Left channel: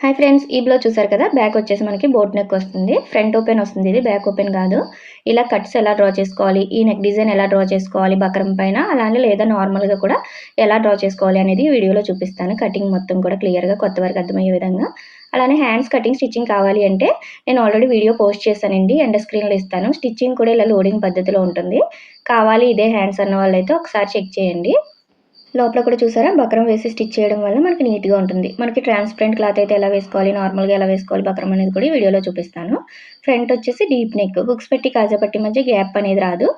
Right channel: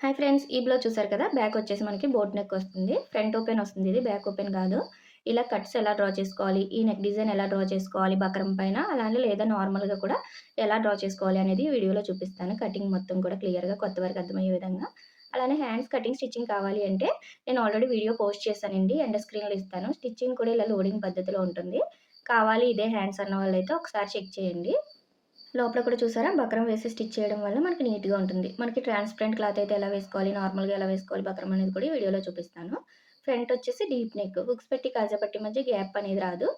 Hi friends ఈ blouse చూసారు కదా? బ్యాక్ వచ్చేసి మనకి బోట్ నెక్ వస్తుంది. ఫ్రంట్ ఓపెన్ వస్తుంది ఇది. బ్యాక్ ఓపెన్ కాదు. ఇలా కట్స్ ఎలా డ్రా చేసుకోవాలి? ఈ నెక్ డిజైన్ ఎలా డ్రా చేసుకోవాలి? బక్రం పైన? అలానే లేదా నార్మల్గా కూడా ఎలా డ్రా చేసుకోవాలి అనేది వీడియోలో చూపిస్తాను. కటింగ్ మొత్తం కూడా క్లియర్గా కొత్త వరకు అర్థమయ్యే విధంగా. అలానే హ్యాండ్స్ కటింగ్ స్టిచ్చింగ్ కావాలి అంటే నేను ఆల్రెడీ వీడియో పోస్ట్ చేశానండి. అండ్ స్క్రీన్లో ఇస్తాను. స్టిచ్చింగ్ కూడా ఇలా లోడింగ్ పద్ధతిలో ఉంటుంది. కావాలి ఇదే హ్యాండ్స్ అన్న వాళ్ళైతే ఒకసారి చెక్ చేయండి. లోపల కూడా చూసారా? బక్రం వేసి స్టిచ్ చేయడం వల్ల మనకి నీట్గా ఉంటుంది. మనకి ట్రాన్స్పరెంట్ క్లాత్ అయితే ఎలా వేసుకోవాలి? నార్మల్గా ఎలా వేసుకోవాలి? బక్రం అనేది కూడా వీడియోలో చూపిస్తాను. ఫ్రంట్ వచ్చేసి డీప్ నెక్. బుక్స్ పెట్టి కాజాపట్టి మధ్య గ్యాప్ అనేది రాదు.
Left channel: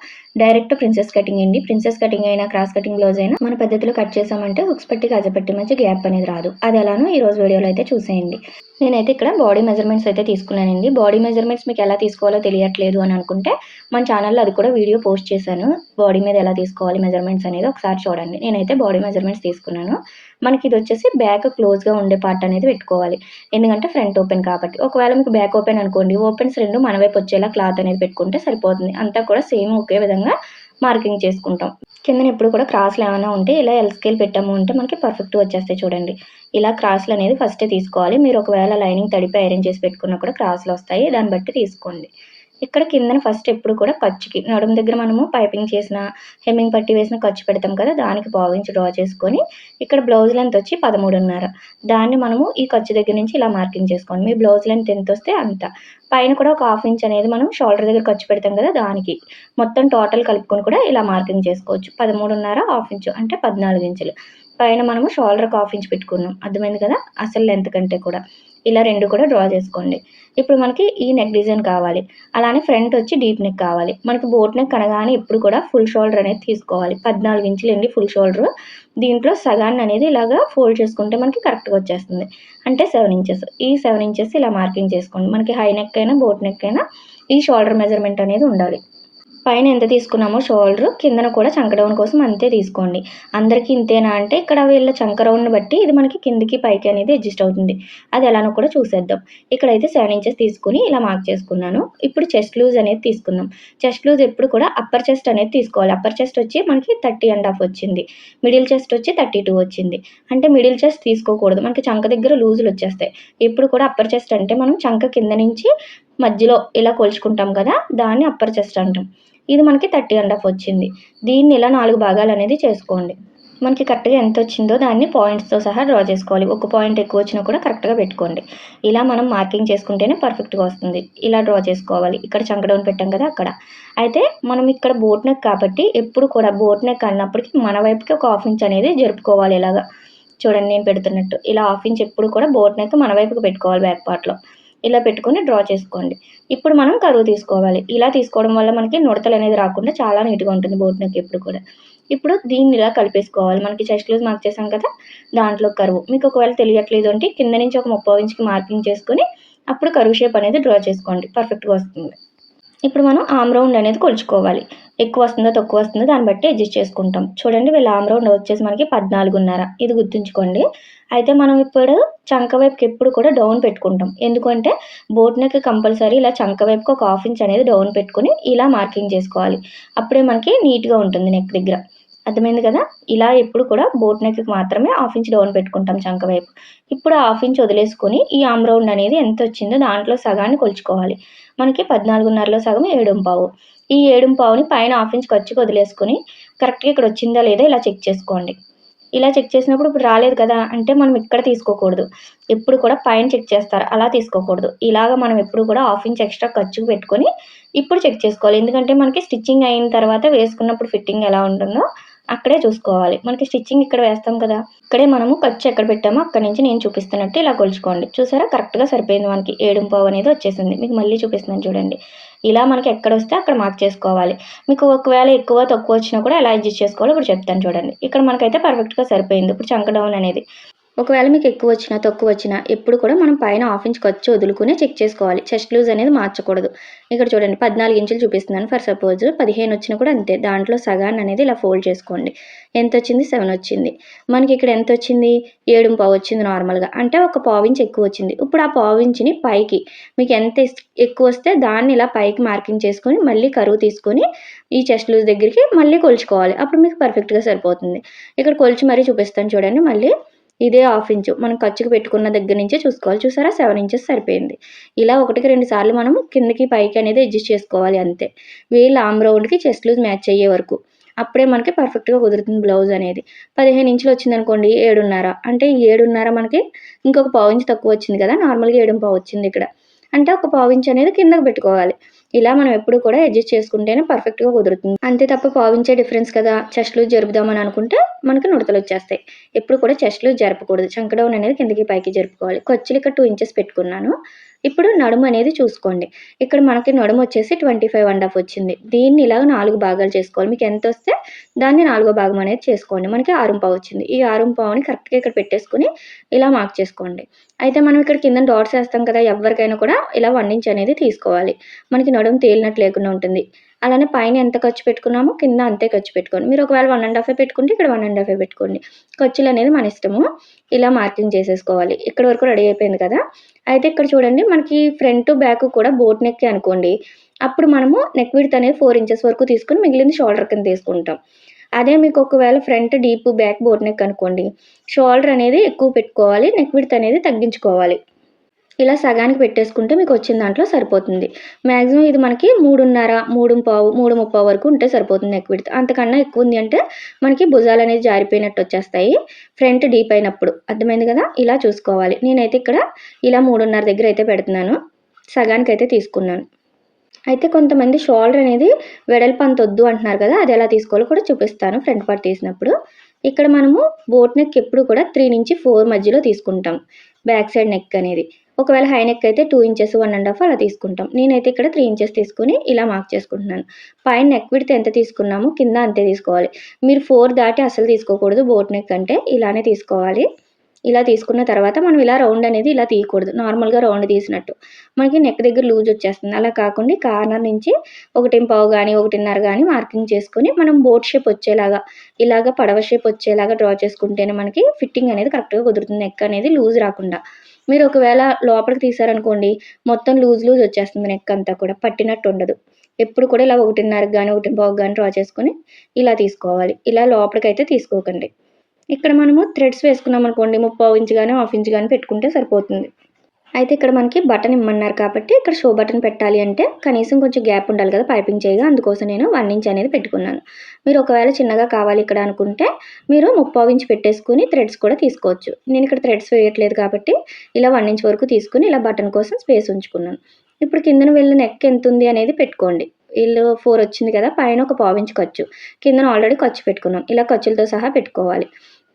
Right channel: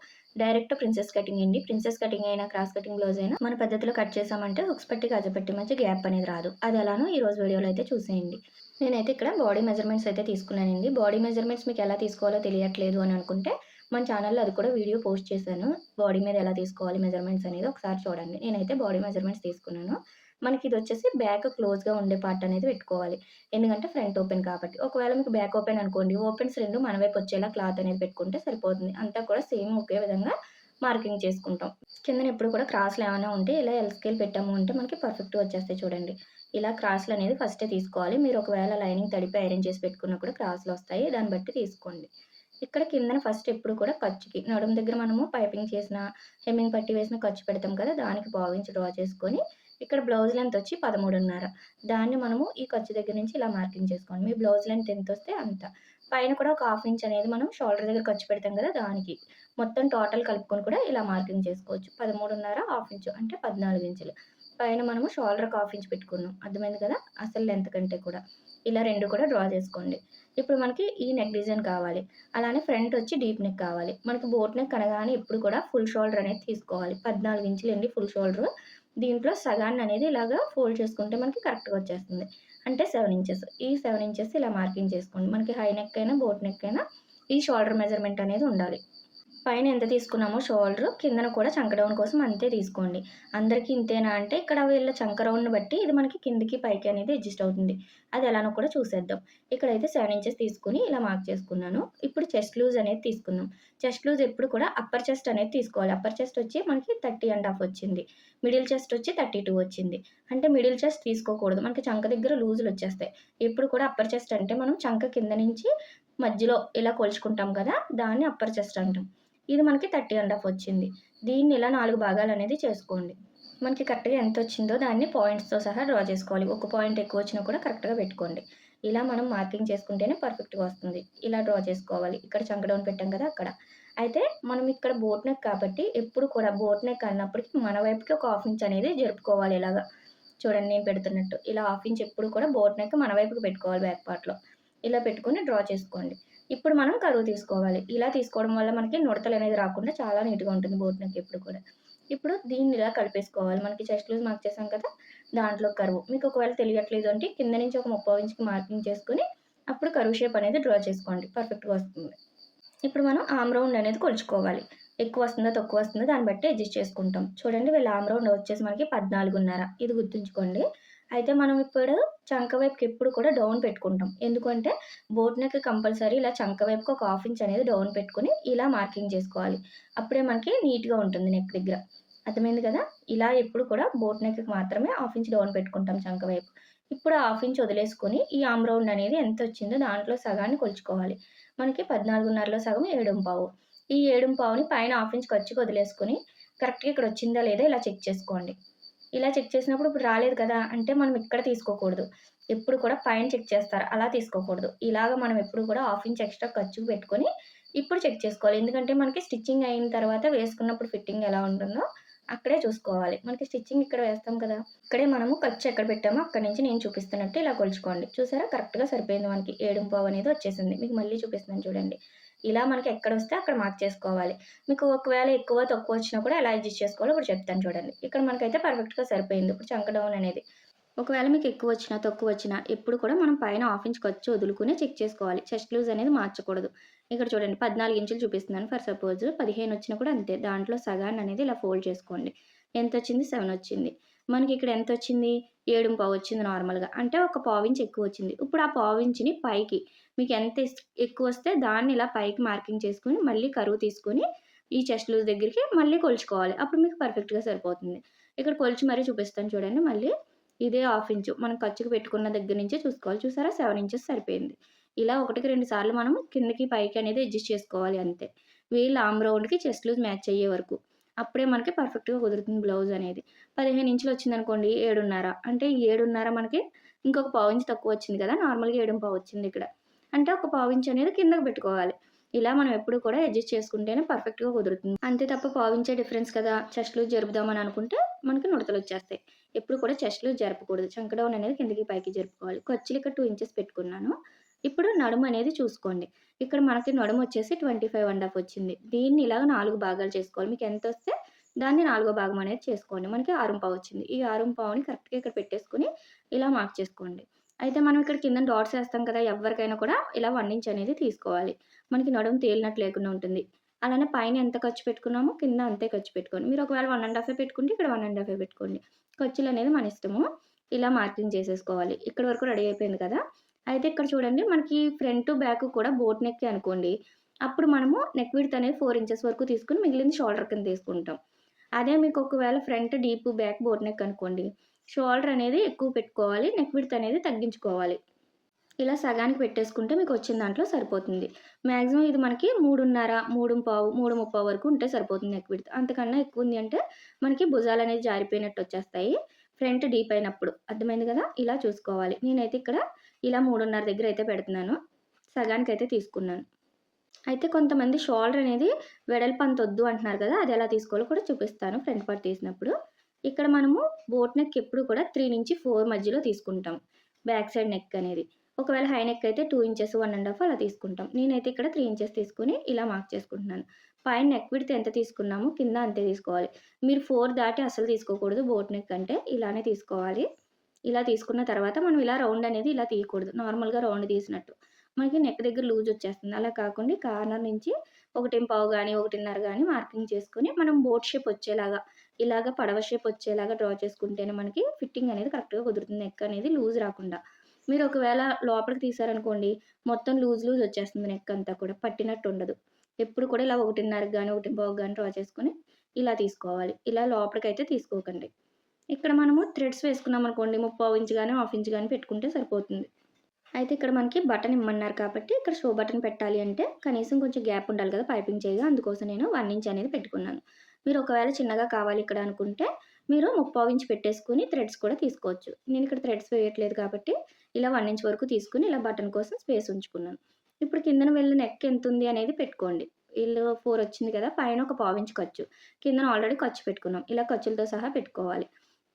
డైరెక్ట్ ప్రిన్సెస్ కటింగ్ అండి. ప్రిన్సెస్ కటింగ్ అయినా క్రాస్ కటింగ్ బ్లౌజ్ అయినా మన పద్ధతిలో కట్ చేసామంటే హుక్స్ పెట్టి కాజాపట్టి మధ్య గ్యాప్ అనేది రాదు. అది ఎలానో ఈ రోజు వీడియోలో అయితే చూసేయండి. నేనైతే ఇక్కడ బాడీ మెజర్మెంట్స్ అయితే తీసుకున్నానండి. బాడీ మెజర్మెంట్స్ మీకు ఎలా తీసుకోవాలో తెలియట్లేదు అని అనుకుంటే మన ఛానల్లో అది కూడా వీడియో పోస్ట్ చేశాను. బాడీ మీద ఎలా తీసుకోవాలి మెజర్మెంట్స్ అనేది ఒకసారి చూడండి. నేనైతే బాడీ మెజర్మెంట్స్ తీసుకున్నాను. మనకి ఇది వచ్చేసి బ్యాక్ క్లోజ్గా ఉండే పార్ట్ అనేది పెట్టుకోవాలి. ఎందుకంటే ఫ్రంట్ ఓపెన్ కాబట్టి. ఒకవేళ మీకు బ్యాక్ ఓపెన్ అనుకోండి ఓపెన్స్ రెండు మన వైపు వచ్చేలా క్లాత్ అనేది పెట్టుకుంటే సరిపోతుంది. అంతా కూడా సేమ్ ఒకే విధంగా మార్కింగ్ చేసుకుంటాం. కింద ఎప్పుడు కూడా క్రాస్లు ఏమైనా ఉంటే ఇలా ఎల్ స్కేల్ పెట్టాము అంటే మనకి పర్ఫెక్ట్ వచ్చేస్తాయి చూడండి. ఇలా క్రాస్లు అనేది ఫస్టే తీసుకోవాలి. మీరు ఒకవేళ లైనింగ్ తడిపి ఐరన్ చేసి పెట్టుకున్నా కూడా క్రాస్లు వస్తాయి. దాన్ని బట్టి తీసుకోండి. ఇక్కడ కిందన ఫస్ట్ ఎప్పుడు కూడా ఖర్చుకి నడుము దగ్గర మనము పైపింగ్ చేసిన హెమ్మింగ్ పట్టి వేసిన ఖర్చు పెడతాం కదా దానికి భావించి డ్రా చేసుకొని ఇక్కడ బ్లౌజ్ లెంత్ వచ్చి పదమూడున్నర. దాన్ని మనము ఈ ఖర్చు దగ్గర నుంచి ఇలా మార్కింగ్ చేసుకోండి మీ బ్లౌజ్ లెంత్ ఎంత వస్తే అంత. పైన కూడా ఒక హాఫ్ ఇంచ్ అనేది మనం షోల్డర్ దగ్గర ఖర్చు పెడతాం కదా దానికి. మొత్తం టోటల్ కలుపుకొని కూడా ఇలా మార్కింగ్ చేసుకోవచ్చు. పదమూడున్నర హాఫ్ ఇంచు అంటే పద్నాలుగు ఇంచులు. పైన మనము షోల్డర్కి హాఫ్ ఇంచ్ పెట్టుకున్నాం. అర్థమైంది కదా? అసలు లెంత్ కంటే కూడా. ఇలా రెండు కూడా డ్రా చేసుకోండి. ఇప్పుడు మనకి ఈ నెక్ డిజైన్ కావాలి. అలానే ఫ్రంట్ వచ్చి డీప్ నెక్ కావాలి. మనకి బోట్ నెక్ అనగానే ఎప్పుడు కూడా ఫుల్ షోల్డర్ అనేది తీసుకోవాలి. పద్నాలుగు ఇంచులు అండి ఫుల్ షోల్డర్ దీంట్లో సగాన్ని అనేది ఇలాగా ఫోల్డ్ చేసుకుంటే మనకి కరెక్ట్గా వచ్చేస్తుంది. అంటే సెవెన్ ఇంచెస్ ఈ సెవెన్ ఇంచెస్ ఇలా మార్కింగ్ చేసుకోండి. మనకి హై నెక్ అయినా బోట్ నెక్ అయినా ఈ షోల్డర్ మెజర్మెంట్ అనేది ఉండాలి. పైన ఎంత తీసుకున్నామో షోల్డర్ కిందన కూడా చంక డౌన్ కోసం అంతే తీసుకోండి. అందరికీ ఇంతేనా అంటే ఇక్కడ వీళ్ళ చంక రౌండ్ని బట్టి ఇది మనకి కిందికి పైకి అనేది అడ్జస్ట్ అవుతుంది. అది ఎలానో కూడా చూసేద్దాం. ఇక్కడైతే సెవెన్ ఇంచెస్ తీసుకుని ఇలా మార్క్ చేసుకున్నాను. ఇప్పుడు చెస్ట్ లూజ్ అనేది తీసుకుందాం. చెస్ట్ లూజ్ ఎప్పుడు కూడా అప్పర్ చెస్ట్ అనేది తీసుకోవాలి. అప్పర్ చెస్ట్ వచ్చి మనకి థర్టీ అండ్ హాఫ్ వచ్చింది. మిడిల్ చెస్ట్ వచ్చి థర్టీ టూ వచ్చింది. అంటే మిడిల్ చెస్ట్ తీసుకోకూడదు. మనకి చంక దగ్గర లూజులు వచ్చేస్తాయి. ఎప్పుడు కూడా అప్పర్ చెస్ట్ అంటే మనం చంక కింద నుంచి మధ్యలో ఇలా కొలుచుకుంటాం కదా దాన్ని అప్పర్ చెస్ట్ అంటాం. ఇది మనకి థర్టీ అండ్ హాఫ్ వచ్చింది. దీన్ని ఇలా నాలుగు భాగాలు అనేది చేసుకోండి. మనకి కరెక్ట్గా ఎంత వచ్చిందో దాన్ని పాయింట్స్తో సహా డ్రా చేసుకోవాలి. ఒక పాయింట్ ఎక్కువ వచ్చినా కూడా కరెక్ట్గా పెట్టుకోండి. ఇలా మనం మార్కింగ్ చేసుకుంటేనే పర్ఫెక్ట్గా వస్తుంది. ఇలా డ్రా చేసుకోవాలి. ఇక్కడ చంకడౌన్ పెట్టాం కదా అక్కడ. అయితే మనం ఇక్కడ బోట్ నెక్ కాబట్టి ఎప్పుడు కూడా బోట్ నెక్ అన్నప్పటికీ మన వైపుకి ఒక హాఫ్ ఇంచ్ అనేది జరుపుకోవాలి ఇలాగా. చూడండి నేను పెడుతున్నట్టు. ఇలా హాఫ్ ఇంచ్ ఎప్పుడు కూడా బోట్ నెక్ మన వైపుకి పెట్టుకోవాలి బ్యాక్ పార్ట్లో ఇలా పెట్టుకొని డ్రా చేసుకోండి. ఇప్పుడు మనం కరువు తీసుకోవాలి. ఇలా తీసుకోవడం వల్ల మనకి నుడతలు అనేది రాకుండా చాలా నీట్గా ఉంటుంది బోట్ నెక్ ఎప్పుడు కూడా. ఇప్పుడు దీన్ని ఇలా కలిపేసుకోవాలి. మనకి చెస్ట్ క్లోజ్ మార్క్ చేసాం కదా దాంట్లో కరువు. మీకు ఒకవేళ తెలియట్లేదు అంటే కింద నుంచి ఒక ముప్పై ఇంచుకి మార్కింగ్ చేసుకొని అప్పుడు కరువు షేప్ అనేది డ్రా చేసుకోండి. పర్ఫెక్ట్గా వస్తుంది. ఇప్పుడు మనం ఆమ్ రౌండ్ అనేది కొలుచుకోవాలి. ఎక్కువ వస్తుందో తక్కువ వస్తుందో దాన్ని బట్టి అడ్జస్ట్ చేసుకుంటాం. చూడండి వీళ్ళ ఆమ్ రౌండ్ వచ్చేసి మనకి పద్నాలుగున్నర. ఇది గుర్తుంచుకోండి. అయితే మనం ఇప్పుడు చంక వైపుకి ఎప్పుడు కూడా డౌన్ పెట్టుకుంటాం. ఎందుకంటే బోట్ నెక్ కంపల్సరీ ఇలా చంక వైపుకి ఒక హాఫ్ ఇంచ్ అనేది డౌన్ పెట్టుకుని ఇలా మార్కింగ్ చేసుకోవాలి. అప్పుడే మనకి నీట్గా ఉంటుంది నెక్ దగ్గర. అర్థమైంది కదా? ఇలా ఎప్పుడు కూడా బోట్ నెక్కి మాత్రమే హాఫ్ ఇంచ్ డౌన్ పెట్టుకుంటాం చంక వైపు. ఇప్పుడు హాఫ్ ఇంచ్ వదిలేసుకొని ఈ ఆమ్ రౌండ్ అనేది ఎంత వచ్చిందో దాంట్లో సగాన్ని కొలుచుకోవాలి. మనకి పద్నాలుగున్నరలో సగం ఏడుంపావు ఈ ఏడుంపావుని పైన హాఫ్ ఇంచ్ ఖర్చుకి వదిలేసుకొని కరెక్ట్గా ఇక్కడ వచ్చిందా లేదా ఇలా చెక్ చేసుకోండి. ఇలా చెక్ చేసినప్పుడు ఇప్పుడు రాలేదు కదా అంటే మనం ఇక్కడ తీసుకోకూడదు. ఎప్పుడు కూడా పైన చెక్ చేస్తారు. అలా తీసుకోకూడదు. ఇలాగ మనం ఎప్పుడు కూడా హాఫ్ ఇంచ్ ఎక్స్ట్రా ఖర్చుకు పెట్టుకొని ఇప్పుడు చెక్ చేసుకోవాలి. ఎందుకంటే మనకి స్టిచ్చింగ్ అయిన తర్వాత వేసుకున్నప్పుడు ఫిట్టింగ్ ఎలా ఉంటుందో అక్కడే చూసుకోవాలి. మనకి స్టిచ్చింగ్ ఇక్కడ వేస్తాం కదా. ఇక్కడే మనము ఖర్చు ఎక్కడ పెట్టామో అక్కడ నుంచి నేను చూపిస్తున్నట్టు ఇలా కొలుచుకోండి. చూసారా? కరెక్ట్గా సరిపోయింది మనకి. ఏడుంపావు అనేది వచ్చేసింది. మీకు మళ్ళీ చూపిస్తున్నాను చూడండి. ఇలా మనకి ఎక్కడ వస్తే అక్కడ మార్క్ చేసుకోవాలి. మీకు ఒకవేళ ఎక్కువ తక్కువ వచ్చినా కూడా ఎలా అడ్జస్ట్ చేసుకోవాలో. ఇప్పుడు చెప్తాను చూడండి. ఇక్కడ మనకైతే పర్ఫెక్ట్గా సరిపోయింది. ఇప్పుడు చంక డౌన్ అనేది. ఒకవేళ మీకు ఎక్కువ వచ్చినా తక్కువ వచ్చినా ఎప్పుడు కూడా మనం పైన హాఫ్ ఇంచ్ ఖర్చు వదులుకునే చెక్ చేసుకోవాలి. చెస్ట్ లూజ్ అనేది మార్చకూడదు. ఇక్కడ చూడండి పద్నాలుగు ఇంచులు చూపిస్తున్నాను. ఫర్ సపోజ్ పదిహేను వచ్చినా కూడా అంతే. దాంట్లో సగాన్ని అనేది ఇలా ఫోల్డ్ చేసుకోండి. ఎంత వచ్చింది? సెవెన్ వచ్చింది. మనకి ఇక్కడ ఎంత వచ్చింది? ఏడు పావు వచ్చింది నార్మల్గా అంటే ఒక పావు ఇంచ్ ఎక్కువ వచ్చింది. ఇప్పుడు ఆ పావు ఇంచుని పైకి మీకు ఎంత ఎక్కువ వస్తే దాన్ని ఇలా పైకి మార్కింగ్ చేసుకొని మళ్ళీ కరువు తీసుకొని ఈ చెస్ట్ లూజ్ దగ్గరికి మళ్ళీ కొలుచుకోవాలి. అప్పుడు మీకు పర్ఫెక్ట్గా సరిపోతుంది. ఇక్కడ కొలిచి మరీ చూపిస్తాను చూడండి. మళ్ళీ ఇదే హాఫ్ ఇంచు. మనం ఖర్చుకు పెట్టుకున్న దగ్గర నుంచే చూసుకోవాలి. చూసారా? సెవెన్ ఇంచెస్ సరిపోయింది. ఇలా ఒకటికి రెండు సార్లు మనం కిందకి పైకి అనేది అడ్జస్ట్ చేసుకోవాలి అంతే. వీళ్ళ ఆమ్ రౌండ్కి చెస్ట్ లూజ్ మ్యాచ్ అయ్యే వరకు. అప్పుడే మనకి పర్ఫెక్ట్గా కుదురుతుంది బ్లౌజ్ అనేది. పదిహేను ఇంచులు వచ్చింది అనుకోండి ఏడున్నర. అంటే ఈ ఏడున్నర మనకి ఇంకొక పావు ఇంచు తక్కువ వచ్చింది కదా? నార్మల్గా ఏడు పావు వచ్చింది ఇక్కడ. అంటే ఒక పావు ఇంచు అనేది కిందకు పెట్టుకోవాలి. ఇలా మనం ఎప్పుడు కూడా అడ్జస్ట్ చేసుకుంటేనే పర్ఫెక్ట్గా కుదురుతుంది. అంతే తప్ప పావించే డిఫరెన్స్ కదా. చెస్ట్లు జరుపుదామని అనుకుంటే మనకి నుడతలు వచ్చేస్తాయి. ఎప్పుడు కూడా చెస్ట్లు జరపకూడదు. చంకడౌన్ అనేది కిందకి పైకి జరుపుకోవాలి. ఖర్చులు ఇక్కడ టూ ఇంచెస్ పెట్టుకున్నాను. ఇప్పుడు నడుము అనేది చూసుకోండి. ఇక్కడ మనకి నడుము వచ్చేసి ట్వంటీ ఫైవ్ అండ్ హాఫ్ వచ్చింది. దీన్ని ఇలాగ నాలుగు భాగాలు చేసుకోవాలి. మీకు ఎంత వస్తే దాన్ని నాలుగో భాగం అనేది చేసుకోండి. మనకి ఆరుంపావు వచ్చింది. ఈ ఆరుంపావుని కరెక్ట్గా ఇక్కడ పెట్టేసుకుని ఇలా మార్క్ చేసుకోండి. అయితే మనం ఇక్కడ కింద డాట్స్ వేస్తాం కదా ఎవరికైనా కూడా ఇలా వన్ ఇంచ్ అనేది తీసుకోవాలి. మనకి నడుము తేలినట్టు లేకుండా ఉంటుంది. అలానే పైన ఎంత ఖర్చు పెట్టుకున్నామో కింద అంతే ఖర్చు పెట్టుకోండి. మీరు ఒకవేళ వన్ అండ్ హాఫ్ పెట్టుకుంటే ఇక్కడ వన్ అండ్ హాఫ్ పెట్టుకోండి. ఖర్చులు అనేది మన ఇష్టము. ఇలా మార్కింగ్ చేసేసుకోవాలి. ఇక్కడ వరకు రెడీ అయిపోయింది కదా. అయితే ఇక్కడ చూడండి మనకి ఫ్రంట్ బ్యాక్ కూడా బోట్ నెక్ అనుకోండి. అప్పుడు మనము నెక్ విడ్త్ అనేది ఫోర్ ఇంచెస్ వరకు తీసుకుని మిగిలింది షోల్డర్ కింద తీసుకుంటాం. అదే మీకు ఒకవేళ front deep back boat neck అనుకోండి షోల్డర్ అనేది ఎక్కువ పెట్టుకోవాలి నెక్ విడ్త్ అనేది తగ్గించుకోవాలి. ఇలా సగానికి పెట్టేసుకుంటే మీకు వచ్చిన దాంట్లో సరిపోతుంది. మ్యాక్సిమం ఇది మనకి మూడున్నర మూడు పావు మూడు ముప్పావు వరకు ఉంటే సరిపోతుంది నెక్ విడత అంతకన్నా ఎక్కువ ఉంది అంటే మనకి భుజాలు అనేది జారిపోయినట్టు వచ్చేస్తాయి. ఫ్రంట్ డీప్ అయినప్పుడు అర్థమైంది కదా? ఇలా చూసుకోవాలి. నేనైతే ఇక్కడ ఇలా మూడున్నర దగ్గర అయితే పెడుతున్నాను. సగానికి అయితే తీసుకున్నాను. అయితే కొంతమంది షోల్డర్ అనేది వెడల్పు అంత వద్దు అంటున్నారు కదా? అది ఎలా తీసుకోవాలో కూడా చూపిస్తాను ఫ్రంట్ పార్ట్ తీసినప్పుడు. ఇక్కడ మనము బోట్ నెక్ ఎప్పుడు కూడా త్రీ నుంచి ఫోర్ మధ్యలో తీసుకుంటాం. బ్యాక్ సైడ్ నెక్ అనేది. ఒకవేళ హై నెక్ అయితే two inches one and half అలా తీసుకుంటాం. నేనైతే ఇక్కడ త్రీ ఇంచెస్ తీసుకుని ఇలా మార్క్ చేసుకుంటున్నాను. పైన నెక్ విడితే ఎంత తీసుకున్నామో కింద అంతే తీసుకోవాలి. మీరు ఫోర్ దాటి అసలు తీసుకోకూడదు. బోట్ నెక్ అంటే ఇలానే తీసుకోవాలి. ఇలా తీసుకున్న తర్వాత మనం ఇలా రౌండ్ అనేది ఇలా తీయకూడదు. నార్మల్గా రౌండ్ తీసినట్టు. మనకి నెక్ దగ్గర లూజ్ వచ్చేస్తుంది. అలా కాకుండా కార్నర్ నుంచి ఒకటి పావు కానీ ఒకటిన్నర కానీ మార్కింగ్ చేసుకొని మనం బోట్ షేప్ వచ్చేలాగా ఇలాగ పడవ షేప్ వచ్చేలాగా డ్రా చేసుకుంటేనే మనకి ఫిట్టింగ్ అనేది కరెక్ట్గా కుదురుతుంది. నెక్ అనేది లూజ్ రాకుండా. మీరు ఒకవేళ లోపలికి తీసారనుకోండి మొత్తం లూజ్ లూజ్ వచ్చేస్తుంది నెక్ అంతా కూడా పట్టినట్టు ఉండదు. ఎప్పుడు కూడా ఇలా ఒకటిన్నరకు కానీ ఒకటి బాగు కానీ డ్రా చేసుకొని ఇలా తీసుకోవాలి. ఇలా లోపలికైతే తీసుకోకండి. ఇక్కడ మనము థ్రెడ్స్ వేసుకున్నాం అనుకోండి ముప్పావు ఇంచు కానీ హాఫ్ ఇంచ్ కానీ పెట్టుకుంటే సరిపోతుంది. అయితే ఇక్కడ మనకి బటన్ ఇమ్మన్నారు కాబట్టి ఇక్కడ షో బటన్ పెట్టాలి అంటే కనీసం కొంచెం గ్యాప్ ఉండాలి కదా పైపింగ్ చేయగా. అందుకోసం నేను వన్ ఇంచ్ అనేది పెట్టుకున్నాను. మీరు ఒకవేళ చిన్నగా కావాలి ఇక్కడ అనుకుంటే మీరు ముప్పావు ఇంచ్ పెట్టేసుకుని థ్రెడ్స్ కూడా తీసుకోవచ్చు. నేను ఇక్కడ థ్రెడ్స్ వేయట్లేదు కాబట్టి ఇలా వన్ ఇంచ్ వరకు తీసుకుని ఇలా బటన్ కోసం స్పేస్ ఉంచుకున్నాను. ఇప్పుడు కిందన వెళ్ళిన నెక్ ఎంత ఉంది అనేది పెట్టుకోండి. వీళ్ళు ఫోర్ వచ్చింది కదా పైన ఒక పావు ఖర్చు. కిందన ఆల్రెడీ ఖర్చు పెట్టుకున్నాం. ఇలా ఖర్చులతో సహా పెట్టుకోవాలి.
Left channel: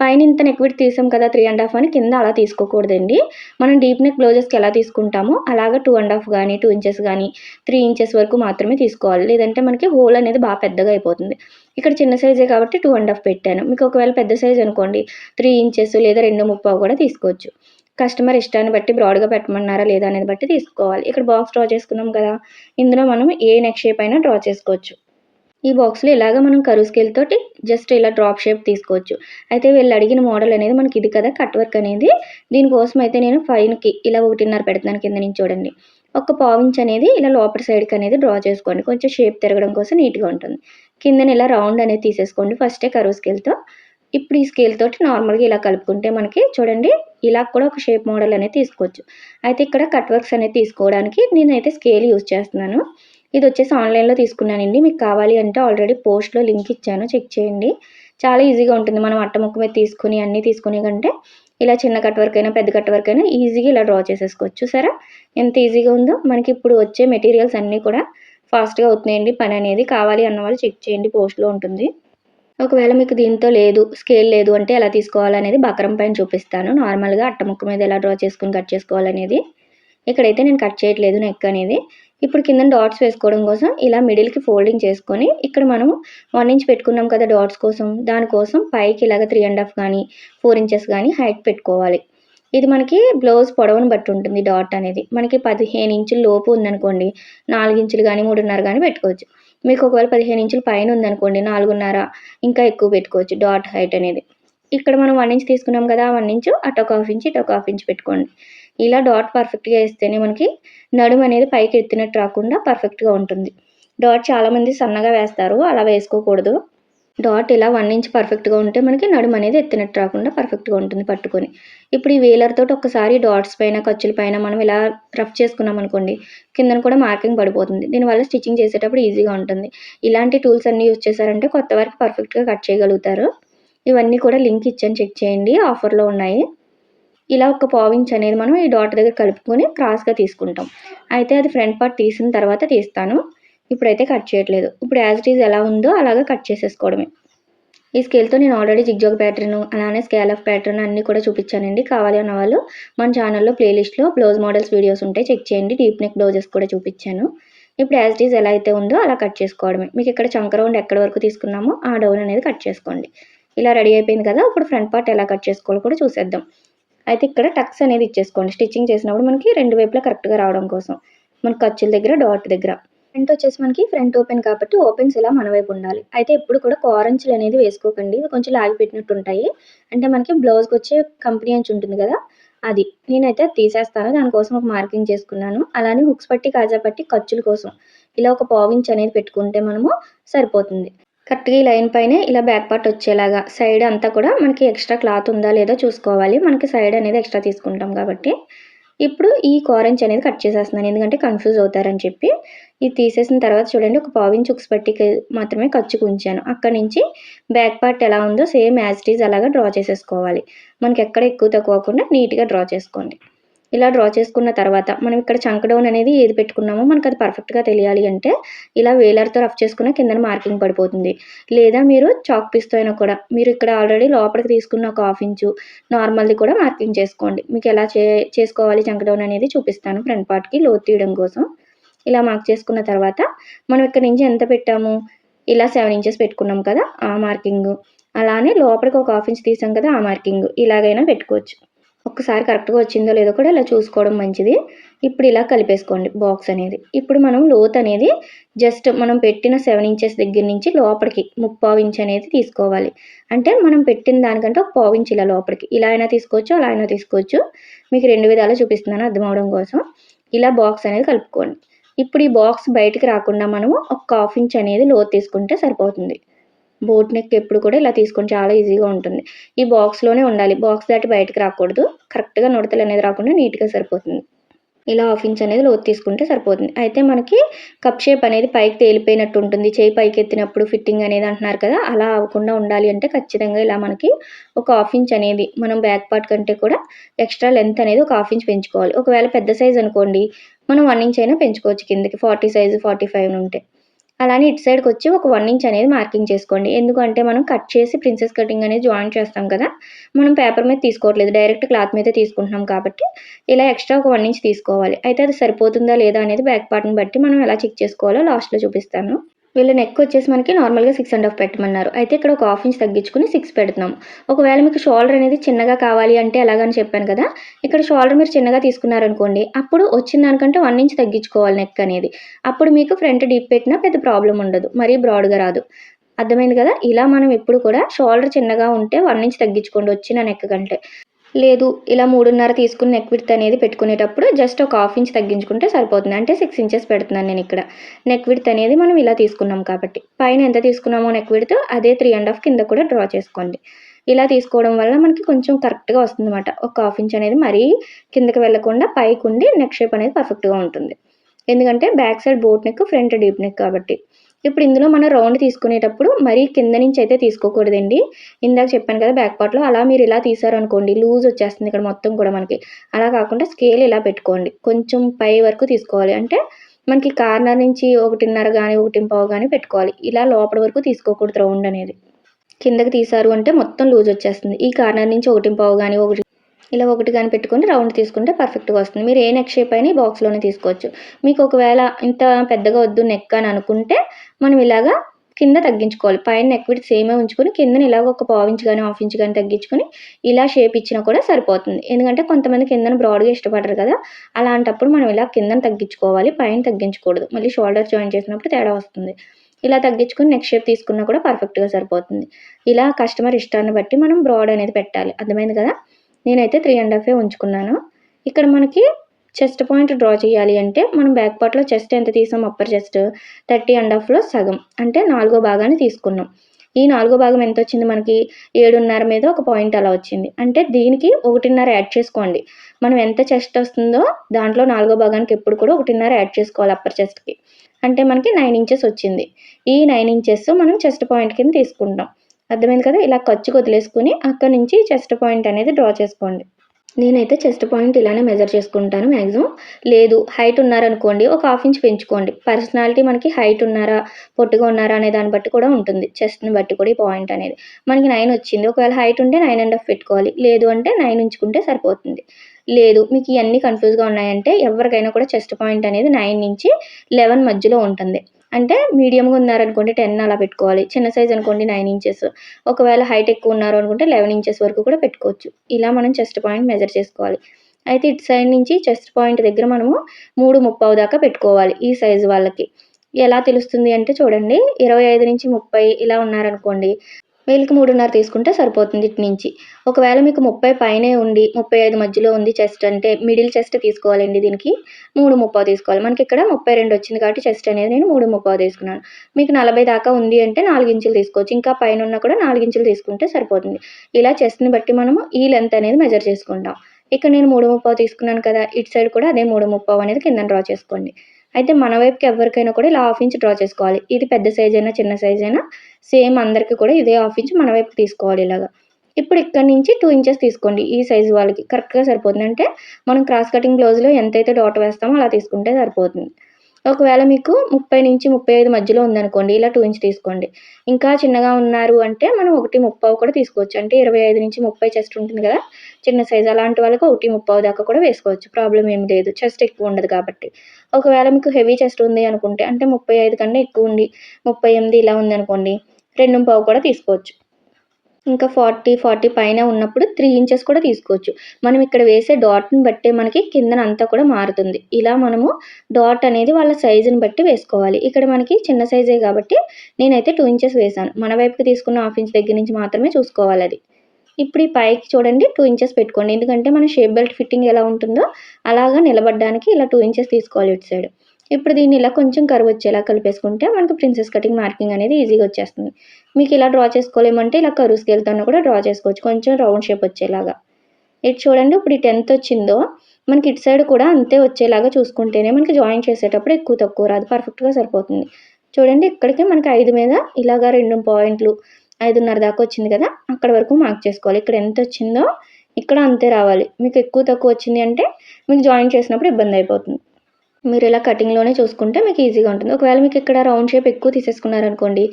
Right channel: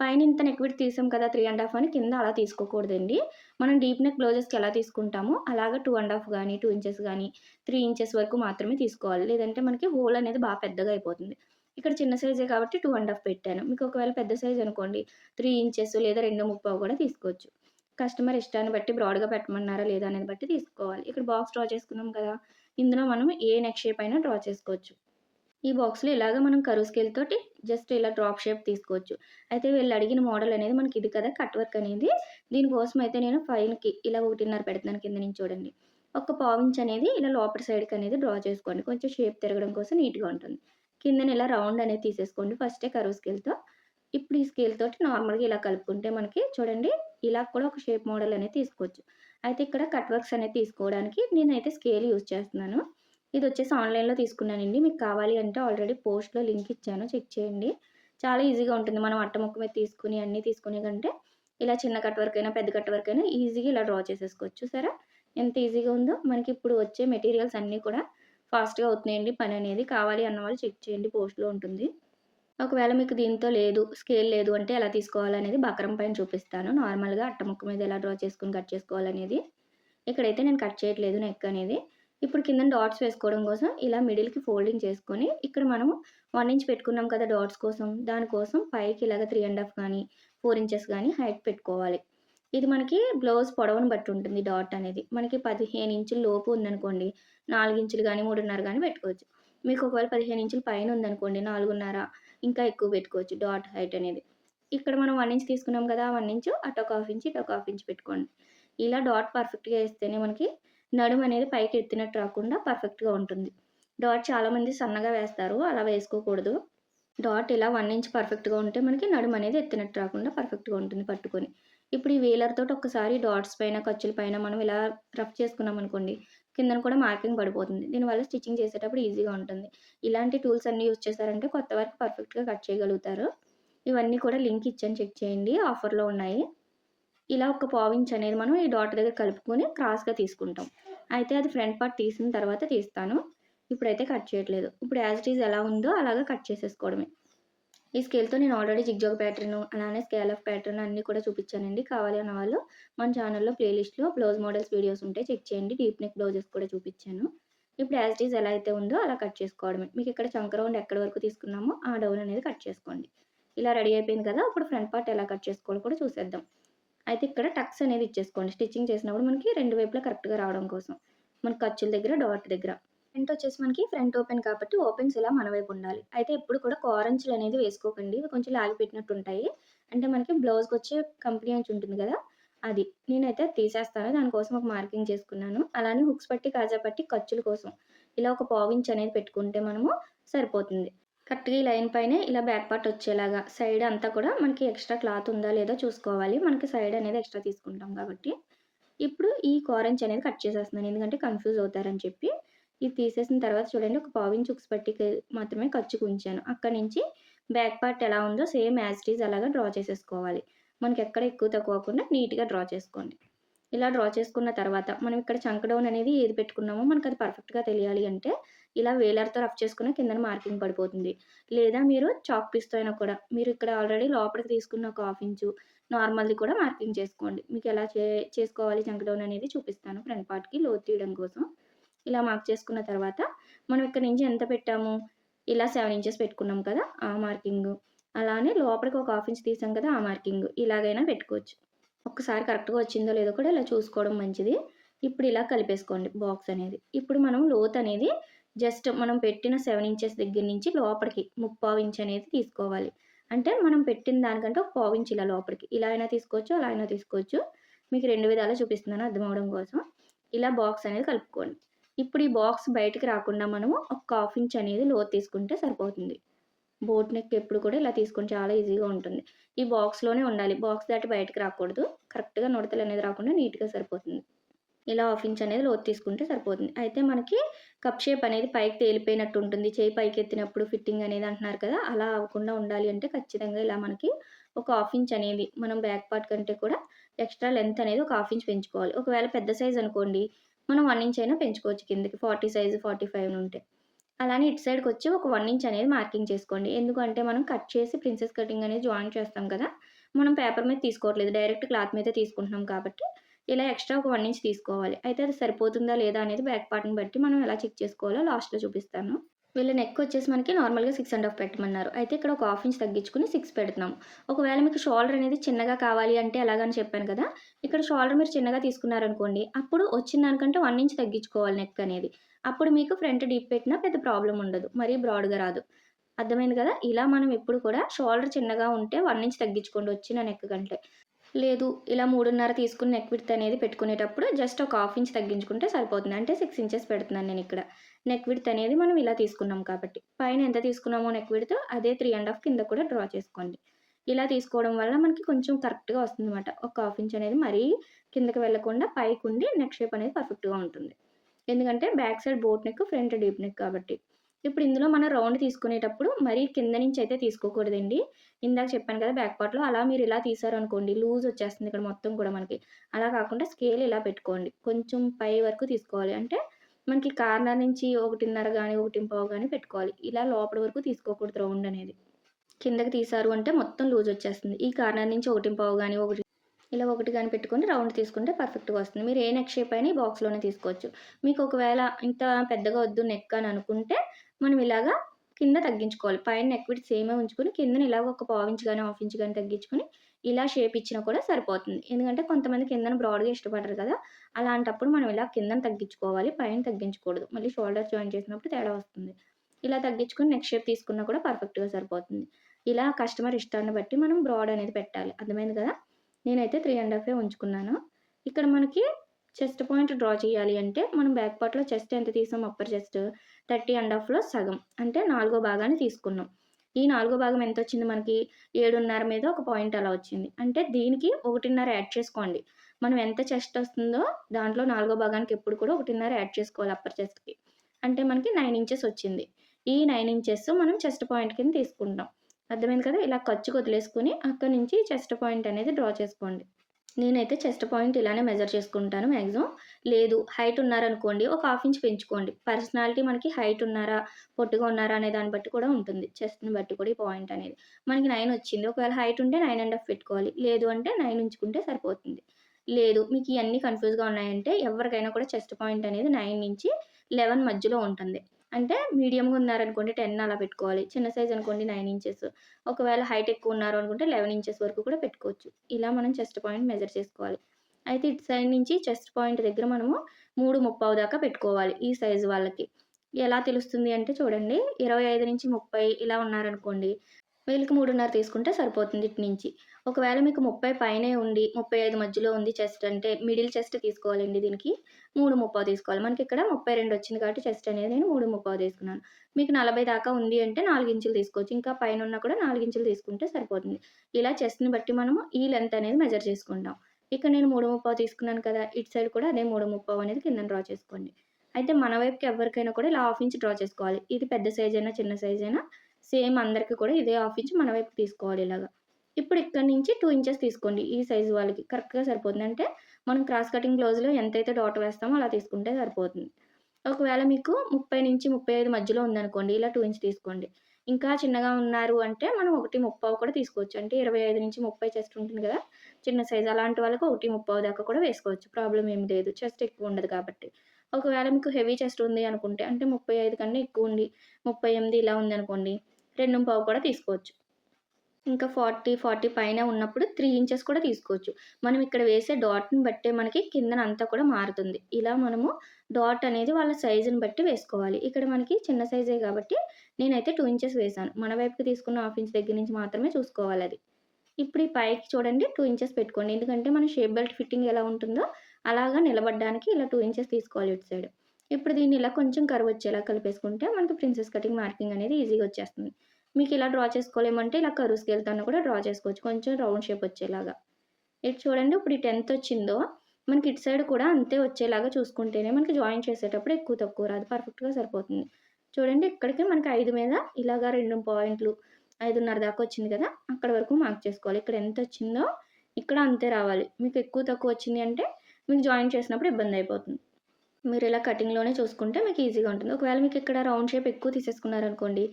పైన ఇంత నెక్ విడ్ తీసాం కదా త్రీ అండ్ హాఫ్ అని కింద అలా తీసుకోకూడదండి. మనం డీప్ నెక్ బ్లౌజెస్కి ఎలా తీసుకుంటామో అలాగా టూ అండ్ హాఫ్ కానీ టూ ఇంచెస్ కానీ త్రీ ఇంచెస్ వరకు మాత్రమే తీసుకోవాలి. లేదంటే మనకి హోల్ అనేది బాగా పెద్దగా అయిపోతుంది. ఇక్కడ చిన్న సైజే కాబట్టి టూ అండ్ హాఫ్ పెట్టాను. మీకు ఒకవేళ పెద్ద సైజ్ అనుకోండి త్రీ ఇంచెస్ లేదా రెండు ముప్పావు కూడా తీసుకోవచ్చు. కస్టమర్ ఇష్టాన్ని బట్టి బ్రాడ్గా పెట్టమన్నారా లేదా అనేది బట్టి తీసుకోవాలి. ఇక్కడ బాక్స్ డ్రా చేసుకున్నాం కదా ఇందులో మనం ఏ నెక్ షేప్ అయినా డ్రా చేసుకోవచ్చు. ఈ బాక్స్లో ఇలాగ మనం కరువు స్కేల్ తోటి జస్ట్ ఇలా డ్రాప్ షేప్ తీసుకోవచ్చు. అయితే వీళ్ళు అడిగిన మోడల్ అనేది మనకి ఇది కదా కట్ వర్క్ అనేది. దీనికోసం అయితే నేను ఫైన్కి ఇలా ఒకటిన్నర పెడుతున్నాను కింద నుంచి చూడండి. ఒక పావించ్ అనేది ఇలా లోపల సైడ్కి అనేది డ్రా చేసుకోండి. కొంచెం షేప్ తిరగడం కోసం నీట్గా ఉంటుంది. కిందన ఇలా రౌండ్ అనేది తీసేసుకోండి ఫస్టే కరువు స్కేల్తో ఇప్పుడు ఈ స్కేల్ తోటి నార్మల్గా ఇలా కలుపుకుంటే మనకి చూడండి ఇలా కూడా ఒక షేప్ మోడల్ అనేది తీసుకోవచ్చు. అయితే ఇక్కడ కట్ వర్క్స్ అనేది తీసుకోవడానికి నేనైతే స్కేల్ యూజ్ చేస్తున్నాను. ఇది వచ్చేసి ఆన్లైన్లో తీసుకున్నానండి. మీకు కావాలి అంటే ఆల్రెడీ పోస్ట్లో లింక్ ఇచ్చాను. చెక్ చేయండి. చాలా ఈజీగా ఉంటుంది. మనం అట్ట ముక్క మీద తీసుకుని అన్నీ తీసుకునే కంటే ఇలా చిన్న కట్ వర్క్ అయినా పెద్ద కట్ వర్క్ అయినా ఈజీగా ఇలా డ్రా చేసేసుకోవచ్చు. సరే? ఎంత ఈజీగా ఉందో మనకి ఇప్పుడు వచ్చే మెటీరియల్స్ అన్నీ కూడా ఫాస్ట్గా అవుతున్నాయండి. పని అనేది కావాలి అన్న వాళ్ళు చెక్ చేయండి. పోస్ట్లో ఉంటుంది. ఒకవేళ మీకు దీంతో లేదు స్కేల్ లేదు అంటే ఎలా తీసుకోవాలనేది బకరం పైన చూపిస్తాను. నార్మల్గా అట్ట ముక్క మీద ఎలా డ్రా చేసుకుని కట్ చేసుకోవాలనేది. ఇక్కడైతే నేను కట్ చేయట్లేదు నెక్ అనేది. ఇప్పుడు కింద డాట్స్ వేసుకోవడం కోసం ఇలా మిడిల్కి ఫోల్డింగ్ చేసుకొని ఇక్కడ మనము వన్ ఇంచ్ పెట్టుకున్నాం కదా డాట్స్ కోసం దానికోసం పైకి ఇలాగ త్రీ అండ్ హాఫ్ కానీ ఫోర్ ఇంచెస్ కానీ హైట్ పెట్టుకోవాలి. ఇది మనకి బ్లౌజ్ పొడవును బట్టి ఉంటుంది డాట్ అనేది. మనకి పదిహేను ఇంచుల లోపు ఉందనుకోండి నాలుగు ఇంచులు కానీ మూడున్నర కానీ పెట్టుకోవచ్చు. మీకు ఒకవేళ పదిహేను ఇంచుల పైన ఉందనుకోండి నాలుగున్నర ఇంకా ఎక్కువ పెట్టుకోవచ్చు డాట్ హైట్ అనేది. ఇక్కడ మనం వన్ ఇంచ్ తీసుకున్నాం కదా వన్ ఇంచు అటు ఒక హాఫ్ ఇంచ్ ఇటు ఒక హాఫ్ ఇంచ్ పెట్టుకోండి. ఇలా డాట్ పర్ఫెక్ట్గా వేస్తేనే మనకి నడుము అనేది పైకి ఎత్తినట్టు రాకుండా పర్ఫెక్ట్గా ఉంటుంది. డాట్ చాలామంది సన్నగా వేస్తారు అలా వేసుకోకూడదు. డాట్ ఇలా వన్ ఇంచ్ పర్ఫెక్ట్గా ఉంటే మనకి నడుము అనేది ఎత్తినట్టు రాకుండా పర్ఫెక్ట్గా ఉంటుంది పట్టుకొని. ఇప్పుడు ఈ వేలర్తో ఒకసారి ఒక్కసారి డాట్స్ పైన ఖర్చుల పైన మనం ఇలా రఫ్ చేసుకున్నాం అనుకోండి కిందన కూడా మార్కింగ్ పడిపోతుంది. దీనివల్ల స్టిచ్చింగ్ చేసేటప్పుడు ఈజీగా ఉంటుంది. ఇలాంటి టూల్స్ అన్నీ యూజ్ చేశారంటే కొత్త వరకు పర్ఫెక్ట్గా కట్ చేయగలుగుతారు. ఇవన్నీ కూడా లింక్ ఇచ్చాను చెక్ చేయండి. ఆఫర్లో ఉన్నాయి. ఇలా ఒక పావించ్ అనేది మనం ఈ డాట్ దగ్గర కలుపుకొని క్రాస్గా తీసుకుంటాం. అయితే అది ఫ్రంట్ పార్ట్ తీసిన తర్వాత తీస్తాను. ఇప్పుడైతే కట్ చేయట్లేదు. ఇప్పుడు యాజ్ ఇట్ ఈజ్ ఎలా ఉందో అలాగే కట్ చేసేసుకోవడమే. ఈ స్కేల్తో నేను ఆల్రెడీ జిగ్జాగ్ ప్యాటర్న్ అలానే స్కేల్ ఆఫ్ ప్యాటర్న్ అన్నీ కూడా చూపించానండి. కావాలి అన్న వాళ్ళు మన ఛానల్లో ప్లేలిస్ట్లో బ్లౌజ్ మోడల్స్ వీడియోస్ ఉంటాయి. చెక్ చేయండి. డీప్ నెక్ బ్లౌజెస్ కూడా చూపించాను. ఇప్పుడు యాజ్ ఇట్ ఈజ్ ఎలా అయితే ఉందో అలా కట్ చేసుకోవడమే. మీకు ఇక్కడ చంక రౌండ్ ఎక్కడ వరకు తీసుకున్నామో ఆ డౌన్ అనేది కట్ చేసుకోండి. ఇలా రెడీ అయిపోయింది కదా ఇప్పుడు ఫ్రంట్ పార్ట్ ఎలా కట్ చేసుకోవాలో కూడా చూసేద్దాం. అయితే ఇక్కడ టక్స్ అనేది ఇచ్చేసుకోండి. స్టిచ్చింగ్ చేసినప్పుడు మనకి రెండు వైపులా కరెక్ట్గా రావడం కోసం. మన ఖర్చుల దగ్గర డాట్ దగ్గర. ఫ్రంట్ వచ్చేసి మనకి ఫ్రంట్ ఓపెన్ కాబట్టి ఓపెన్స్ ఇలా మన వైపు ఉండాలి. అయితే ఎప్పుడు కూడా కోరంచులు అనేది వేసుకోకండి. ఇవి కొంచెం లాగి పెట్టినట్టు ఉంటాయి. అంటే మనకి బ్లౌజ్కి వచ్చే కంపెనీ అంచు ఉంటుంది కదా అది. నేనైతే తీసేస్తాను. దానికోసం ఒక మార్కింగ్ చేసుకున్నాను. అలానే హుక్స్ పట్టి కాజా పట్టి ఖర్చుల కోసం. ఇలా ఒక పావించ్ అనేది పెట్టుకుంటే మనము సరిపోతుంది. కరెక్ట్గా ఈ లైన్ పైనే ఇలా బ్యాక్ పార్ట్ వచ్చేలాగా సైడ్ అంతా కూడా మనకి ఎక్స్ట్రా క్లాత్ ఉందా లేదో చూసుకోవాలి. మనకి సైడ్ అనేది ఎక్స్ట్రా తీసుకుంటాం కాబట్టి. ఇప్పుడు ఈ కోరెంచ్ అనేది కట్ చేసేస్తున్నాను. ఎందుకంటే కన్ఫ్యూజ్ అవుతారని చెప్పి. ఇది తీసేసిన తర్వాత చూడండి ఒక పావించి ఉక్స్ పట్టికి మాత్రమే ఖర్చుకు ఉంచాను. అక్కడ నుంచి బ్యాక్ పార్ట్ ఎలా ఉందో సేమ్ యాజ్ ఇట్ ఈజ్ అలాగా డ్రా చేసేసుకోవాలి. మనకి ఎక్కడ ఎక్కువ తక్కువకుండా నీట్గా డ్రా చేసుకోండి. ఇలా డ్రా చేసుకున్న తర్వాత మనం ఇక్కడ చంక్ డౌన్ అనేది ఏది పెట్టుకున్నామో మనకు అది పర్ఫెక్ట్గా తెలియాలి అంటే ఇలా వేలర్తో రఫ్ చేసుకున్న కిందన మార్కింగ్ పడిపోతుంది. లేదా మీరు చాక్ పీస్తో అయినా కూడా మీరు ఇక్కడ ఆల్రెడీ లోపలికి తీసుకున్న ఒక హాఫ్ ఇంచు నార్మల్ది కూడా మార్కింగ్ చేసుకోండి. మీకు ఎలా చే చేసుకోవాలి చంక డౌన్ అనేది చూపిస్తాను ఫ్రంట్ పార్ట్కి లోతు తీయడం కోసం. ఇలా మార్క్ చేసుకున్న తర్వాత మనం ఇక్కడ నుంచి ఎంత పెట్టాము? ఇలా సెవెన్ ఇంచెస్ పెట్టుకున్నాం కదా ఆ మార్కింగ్ అలానే లోపలికి ఒక హాఫ్ ఇంచ్ తీసాం కదా ఆ మార్కింగ్ ఇలాగైనా పెట్టుకోవచ్చు. ఒక్కసారి కరెక్ట్గా వచ్చిందో లేదో కూడా ఇలా చూసుకోవడం మంచిది. ఇప్పుడు ఇలా కలిపేసుకోండి బాక్స్ అనేది. ఇప్పుడు మనం లోత్ అనేది జస్ట్ మనం పెట్టిన సెవెన్ ఇంచెస్ దగ్గర నుంచి లోపలికి ముప్పావు ఇంచ్ అనేది తీసుకోవాలి. అంటే మనం పెట్టిన దానికంటే ఒక పావు ఇంచ్ ఇలా లోపలికి. ఇలా అయినా తీసుకోవచ్చు అలా అయినా తీసుకోవచ్చు. మీకు రెండు విధాలు చూపిస్తున్నాను అర్థం అవడం కోసం. ఇలా బాక్స్ అనేది కలుపుకోండి. ఇప్పుడు ఈ బాక్స్ బయటికి రాకుండా మనము ఒక హాఫ్ ఇంచ్ అనేది లోతు తీసుకుంటే సరిపోతుంది. బోట్ నెక్ ఎప్పుడు కూడా ఇలా తీసుకొని చాలా ఈజీగా ఉంటుంది. ఈ బాక్స్లోనే ఉండాలి. బాక్స్ దాటి బయటకు రాకూడదు. కరెక్ట్గా నుడతలు అనేది రాకుండా నీట్గా సరిపోతుంది. ఇలా హాఫ్ ఇంచ్ అనేది లోతు తీసుకుంటే సరిపోతుంది. అయితే మనకి కప్ షేప్ అనేది పైకి తేలిపోయినట్టు ఉంటుంది. చేయి పైకి ఎత్తినప్పుడు ఫిట్టింగ్ అనేది అంటున్నారు కదా అలా అవ్వకుండా ఉండాలి అంటే ఖచ్చితంగా ఇలా మనకి ఒక హాఫ్ ఇంచ్ అనేది మనం బ్యాక్ పార్ట్ కంటే కూడా ఎక్స్ట్రా లెంత్ అనేది ఒక హాఫ్ ఇంచ్ పెంచుకోవాలి. ఒకవేళ పెద్ద సైజ్ అనుకోండి మనం వన్ ఇంచ్ అయినా పెంచుకోవచ్చు కిందకి. ఫార్టీ సైజు ఫార్టీ ఫైవ్ ఉంటే. అలానే ఇటు సైడ్కి వచ్చి ఒక వన్ ఇంచ్ అనేది మార్కింగ్ చేసుకోండి. ఎందుకంటే మనం కట్ చేసి ప్రిన్సెస్ కటింగ్ అనేది జాయిన్ చేస్తాం కదా మనం పేపర్ మీద తీసుకోవట్లేదు. డైరెక్ట్ క్లాత్ మీద తీసుకుంటున్నాం కాబట్టి ఇలా ఎక్స్ట్రా ఒక వన్ ఇంచ్ తీసుకోవాలి. అయితే అది సరిపోతుందా లేదా అనేది బ్యాక్ పార్ట్ని బట్టి మనం ఎలా చెక్ చేసుకోవాలో లాస్ట్లో చూపిస్తాను. వీళ్ళ నెక్ వచ్చేసి మనకి నార్మల్గా సిక్స్ అండ్ హాఫ్ పెట్టమన్నారు. అయితే ఇక్కడ ఒక హాఫ్ ఇంచ్ తగ్గించుకుని సిక్స్ పెడుతున్నాము ఒకవేళ మీకు షోల్డర్ అనేది చిన్నగా కావాలి అంటే ఎలాగని చెప్పాను కదా ఇక్కడ షోల్డర్ మీరు చిన్నగా తీసుకున్నారనుకోండి అప్పుడు వచ్చిన దానికంటే వన్ ఇంచ్ తగ్గించుకోవాలి నెక్ అనేది. అప్పుడు మీకు ఫ్రంట్ డీప్ పెట్టినా పెద్ద ప్రాబ్లం ఉండదు. మరీ బ్రాడ్గా రాదు. అర్థమైంది కదా? ఇలా మనం ఎప్పుడు కూడా షోల్డర్ చిన్నగా ఉంటే వన్ ఇంచ్ తగ్గించుకోండి వచ్చిన నెక్ కంటే. లేదు ఇలా మూడున్నర తీసుకుని నెక్ విడ్త్ అనేది పెట్టుకునేటప్పుడు జస్ట్ ఒక హాఫ్ ఇంచ్ తగ్గించుకుంటే సరిపోతుంది. అంటే సిక్స్ ఇంచెస్ పెడుతున్నాను నేను ఇక్కడ. నెక్ విడ్త్ అనేది మనం ఇలా తీసుకున్నాం కాబట్టి. పైన ఎంత తీసుకున్నామో నెక్ విడ్త్ అదే త్రీ అండ్ హాఫ్ కింద కూడా డ్రా చేసుకోండి. ఇలా తీసుకోవడం వల్ల మనకి కొంచెం కరెక్ట్గా వస్తుంది అనమాట ఒక హాఫ్ ఇంచ్ అనేది మరీ కిందకి వెళ్ళకుండా పైకి ఉండి నెక్ షేప్ అనేది పర్ఫెక్ట్గా ఉంటుంది. ఎందుకంటే back side boat neck front deep neck కాబట్టి. ఇప్పుడు ఇందులో మనం రౌండ్ తీసుకునేటప్పుడు మరీ కింద నుంచి అయితే తీసుకోకూడదండి. ఇందాక చెప్పాను కదా బ్యాక్ పార్ట్లో అలా మీరు ఇలా తీసారనుకోండి లూజ్ వచ్చేస్తుంది ఇక్కడ మొత్తం కూడా మనకి. అలా కాకుండా స్కేల్ ఇలా పెట్టుకోండి. కొంచెం పై వరకు తీసుకోవాలి. అంటే మనకి కార్నర్ నుంచి ఒకటిన్నర కానీ ఒకటి పావు కానీ పెట్టుకోవాలి. ఇలా లోపల వరకు తీసుకోకూడదు రౌండ్ అనేది. కిందకి తీసారు అంటే మొత్తం లూజ్ వచ్చేస్తుంది. ఈ కార్నర్ నుంచి ఒకటి పావు కానీ ఒకటి ఇలా ఒకటి కానీ పెట్టుకొని రౌండ్ తీసుకుంటే పర్ఫెక్ట్గా వస్తుంది. మీరు ఏ నెక్ షేప్ అయినా ఈ బాక్స్లోనే తీసుకోవచ్చు. మీకు ఒకవేళ ఇంత పెద్దగా వద్దు నెక్ అని అనుకుంటే మనం ఇలాగా కింద తగ్గించుకోవాలి. పైన నెక్ సేమే ఉంచుకొని కిందన ఇలాగ ఒక పావు ఇంచ్ కానీ హాఫ్ ఇంచ్ కానీ తగ్గించుకొని ఇలా షేప్ ఇచ్చినా కూడా సరిపోతుంది. ఎందుకంటే కొంతమంది కిందన బ్రాడ్గా ఇష్టపడరు కదా. అలాంటప్పుడు మనం ఇలా కిందన తగ్గించుకోవాలి పైన తగ్గించకూడదు. మళ్ళీ షోల్డర్ జాయిన్ చేసినప్పుడు తేడా వస్తుంది. ఇలా తగ్గించుకొని నెక్ షేప్ తీసుకున్నా కూడా పర్ఫెక్ట్గా సరిపోతుంది. ఇలా కస్టమర్ ఇష్టాన్ని బట్టి మనం బ్రాడ్ అనేది పెట్టాలి. అర్థమైంది కదా? నేనైతే త్రీ అండ్ హాఫే ఉంచుకున్నాను. ఇక్కడ మనకి చెస్ట్ పాయింట్ డ్రా చేయాలి అంటే మనం బ్యాక్ పార్ట్లో చెస్ట్ ఎంత తీసాం? అప్పర్ చెస్ట్ థర్టీ అండ్ హాఫ్లో సగం. అంటే నాలుగో భాగాన్ని తీసుకున్నాం. ఈ నాలుగో భాగం ఎంత వచ్చింది? మనకి ఏడున్నర మీద ఒక పాయింట్ అలా వచ్చింది. అంటే దీనికి ఒకటిన్నర యాడ్ చేసుకోండి. మనం ఎంత చెస్ట్ వస్తుందో దాంట్లో నాలుగో భాగానికి ఎప్పుడు కూడా ఒకటిన్నర యాడ్ చేసుకోవాలి అప్పర్ చెస్ట్కి. అంటే మనకి నైన్ ఇంచెస్ వచ్చింది. ఈ నైన్ ఇంచెస్ మనం చెస్ట్ పాయింట్ కింద తీసుకుంటాం అర్థమైంది కదా? ఇలా ఖర్చు వదిలేసుకుని అక్కడ నుంచి చెస్ట్ పాయింట్ అనేది డ్రా చేసుకోండి. నేనైతే చెస్ట్ పాయింట్ ఇలానే మెజర్ చేసుకుంటాను మ్యాక్సిమం లేదు హైట్ ఉన్నారనుకోండి ఒక హాఫ్ ఇంచ్ పెంచుకోండి. పర్సనాలిటీ మనకి హైట్ ఉన్నారా పొట్టిగా ఉన్నారా అనే దాన్ని బట్టి కూడా ఉంటుంది. చెస్ట్ని బట్టి కూడా ఈ పాయింట్ అనేది. మనకి నైన్ వచ్చింది. ఒకవేళ హైట్ ఉంటే నైన్ అండ్ హాఫ్ పెట్టుకోవాలి. లేదు అంటే నైన్ ఉంచుకుంటే సరిపోతుంది. లేదు మీకు ఇవన్నీ కన్ఫ్యూజ్గా ఉన్నాయంటే ఎవరికైనా కూడా చెస్ట్ పాయింట్ అనేది నైన్ నుంచి లెవెన్ మధ్యలో ఉంటుంది. అంటే మీడియంగా ఉన్నారనుకోండి టెన్ అలా పెట్టుకోవాలి. చిన్న సైజ్ అనుకోండి నైన్ ఇంచెస్ ఒకవేళ హైట్ ఎక్కువ ఉన్నారు అనుకుంటే లెవెన్ ఇంచెస్ వరకు కూడా పెట్టుకోవచ్చు. ఇలా మనం చెస్ట్ పాయింట్ మెజర్ చేసుకోవాలి. అయితే ఇటు సైడ్ నుంచి చెస్ట్ పాయింట్ దగ్గర మనము మూడు ముప్పావు దాకా పెట్టుకోవాలి ఈ సైజు వాళ్ళకి. ఎలా తెలుస్తుంది అంటే చూడండి ఇరవై ఐదు నుంచి ముప్పై ఇలా ఉన్నారనుకోండి. వీళ్ళకి మూడున్నర తీసుకుంటే సరిపోతుంది ఇటు నుంచి. ఒకవేళ మీకు ముప్పై పైనే ఉండి ముప్పై ఐదు మధ్యలో ఉంది చెస్ట్ అంటే మిడిల్ చెస్ట్ తీసుకోవాలండి దీనికి. మూడు ముప్పావు తీసుకోవాలి. మనకి ఇక్కడ ముప్పై రెండు వచ్చింది కాబట్టి చెస్ట్ అనేది నేను మూడు ముప్పావు తీసుకున్నాను. మీకు నలభై దాకా ఉంది అంటే నాలుగు ఇంచులు తీసుకోవచ్చు. ఇంకా పైన ఉన్న కూడా నాలుగు ఇంచులు తీసుకుంటే సరిపోతుంది. ఇలా చెస్ట్ని బట్టి మనము ఈ లెంత్ అనేది మెజర్ చేసుకుంటాం. ఇక్కడ నేను మూడు ముప్పావు తీసుకున్నాను కదా ఇటు సైడ్ కూడా అదే మూడు ముప్పావు అనేది కింద డ్రా చేసుకోండి. అయితే మన వైపుకి ఎవరికైనా కూడా ఇలా హాఫ్ ఇంచ్ డ్రా చేసుకోవాలి. ఇది పెద్ద సైజ్ అయినా చిన్న సైజ్ అయినా సేమ్ అందరికీ కూడా ఇదే హాఫ్ ఇంచ్ మన వైపుకి తీసుకోవాలి ఇలాగా. ఇప్పుడు ఇక్కడ నుంచి టూ ఇంచెస్ తీసుకోండి ఈ సైజు వాళ్ళకి. కరెక్ట్గా సరిపోతుంది అంటే మనం క్రాస్ కటింగ్ బ్లౌజ్లో ఎంతైతే డాట్ వేస్తామో అలా తీసుకుంటే సరిపోతుంది. ఒకవేళ మీకు ముప్పై నుంచి ముప్పై ఐదు మధ్యలో ఉందనుకోండి ఇలా టూ ఇంచ్ తీసుకోండి. ఇంకా చిన్నగా ఉన్నారు అంటే మనం ఒకటి ముప్పావు కూడా తీసుకోవచ్చు. అంటే ఇరవై ఐదు నుంచి ముప్పై చెస్ట్ ఉంటుంది కదా చిన్న సైజ్ అలాంటి వాళ్ళకి ఒకటి ముప్పావు దాకా కూడా వేసుకోవచ్చు. ప్రాబ్లం ఏమి లేదు చెస్ట్ ఎక్కువ ఉండదు కాబట్టి. ఒకవేళ మీకు హెవీ చెస్ట్ ఉంది అనుకుంటే అంటే ముప్పై ఐదు కన్నా ఎక్కువ ఉంది ముప్పై ఎనిమిది ఇలా ఉంది అనుకోండి రెండు పావు కూడా తీసుకోవచ్చు. ఇంకా ఫార్టీ ఫార్టీ పైన ఉన్నప్పుడు త్రీ ఇంచెస్ కూడా తీసుకోవచ్చు. మనం ఇక్కడ వేసే డాట్ని బట్టే మనకి కిందన అంతా కూడా మారుతుంది. ఇలా మనము డాట్ అనేది వాళ్ళ సైజుని బట్టి వేసుకోవాలి. ఇక్కడ మనకి చిన్న సైజే కాబట్టి నేనైతే టూ ఇంచెస్ వేసాను. మన వైపుకి తీసుకున్న హాఫ్ ఇంచ్ దగ్గర నుంచి మాత్రమే చూసుకోవాలి అది. ఇప్పుడు ఈ పైకి చూడండి టూ ఇంచెస్ పెట్టుకోండి. ఎందుకంటే మన షేప్ బెల్ట్ ఫిట్టింగ్ ఎలా ఉంటుందో అలాగా నిలబడడానికి ఇలా టూ ఇంచెస్ తీసుకోవాలి ఇటు సైడ్ ఇప్పుడు దీన్ని ఇలా కొంచెం కరువు వచ్చేలా కలిపేసుకుంటే మనకు ప్రిన్సెస్ కటింగ్ మార్కింగ్ అనేది ఈజీగా వచ్చేస్తుంది. మీకు ఇలా డ్రా చేసుకోలేమంటే ఇలా కరువు స్కేల్తో కూడా డ్రా చేసుకోవచ్చు. కొంచెం రౌండ్ షేప్ వచ్చేలాగా. ఇటు చూడండి ఇప్పుడు ఇటు ఎంత వచ్చిందో మనకి ఇటు సైడ్ కూడా అంతే వచ్చేలాగా చూసుకుంటేనే మనకి జాయిన్ చేసేటప్పుడు ఎక్కువ తక్కువ రాదు. పర్ఫెక్ట్గా సరిపోతుంది. చూడండి ఇక్కడికి మనకి ఐదు మీద ఇలాగా రెండు పాయింట్లు ఐదున్నర దాకా వచ్చింది కదా అక్కడ వరకు మార్క్ చేసుకోవాలి. ఇక్కడ ఎంత వచ్చిందో ఇక్కడ అంతే రావాలి. మీకు ఎక్కువ తక్కువ వచ్చింది అంటే మీకు జాయిన్ చేసినప్పుడు ఇబ్బంది అయిపోతుంది. మీరు ఇలా కటింగ్లోనే చూసుకుంటే మీకు ఈజీగా ఉంటుంది. ఒకవేళ మీకు ఇక్కడ రౌండ్ షేప్ ఎక్కువ తీసేసుకున్నారనుకోండి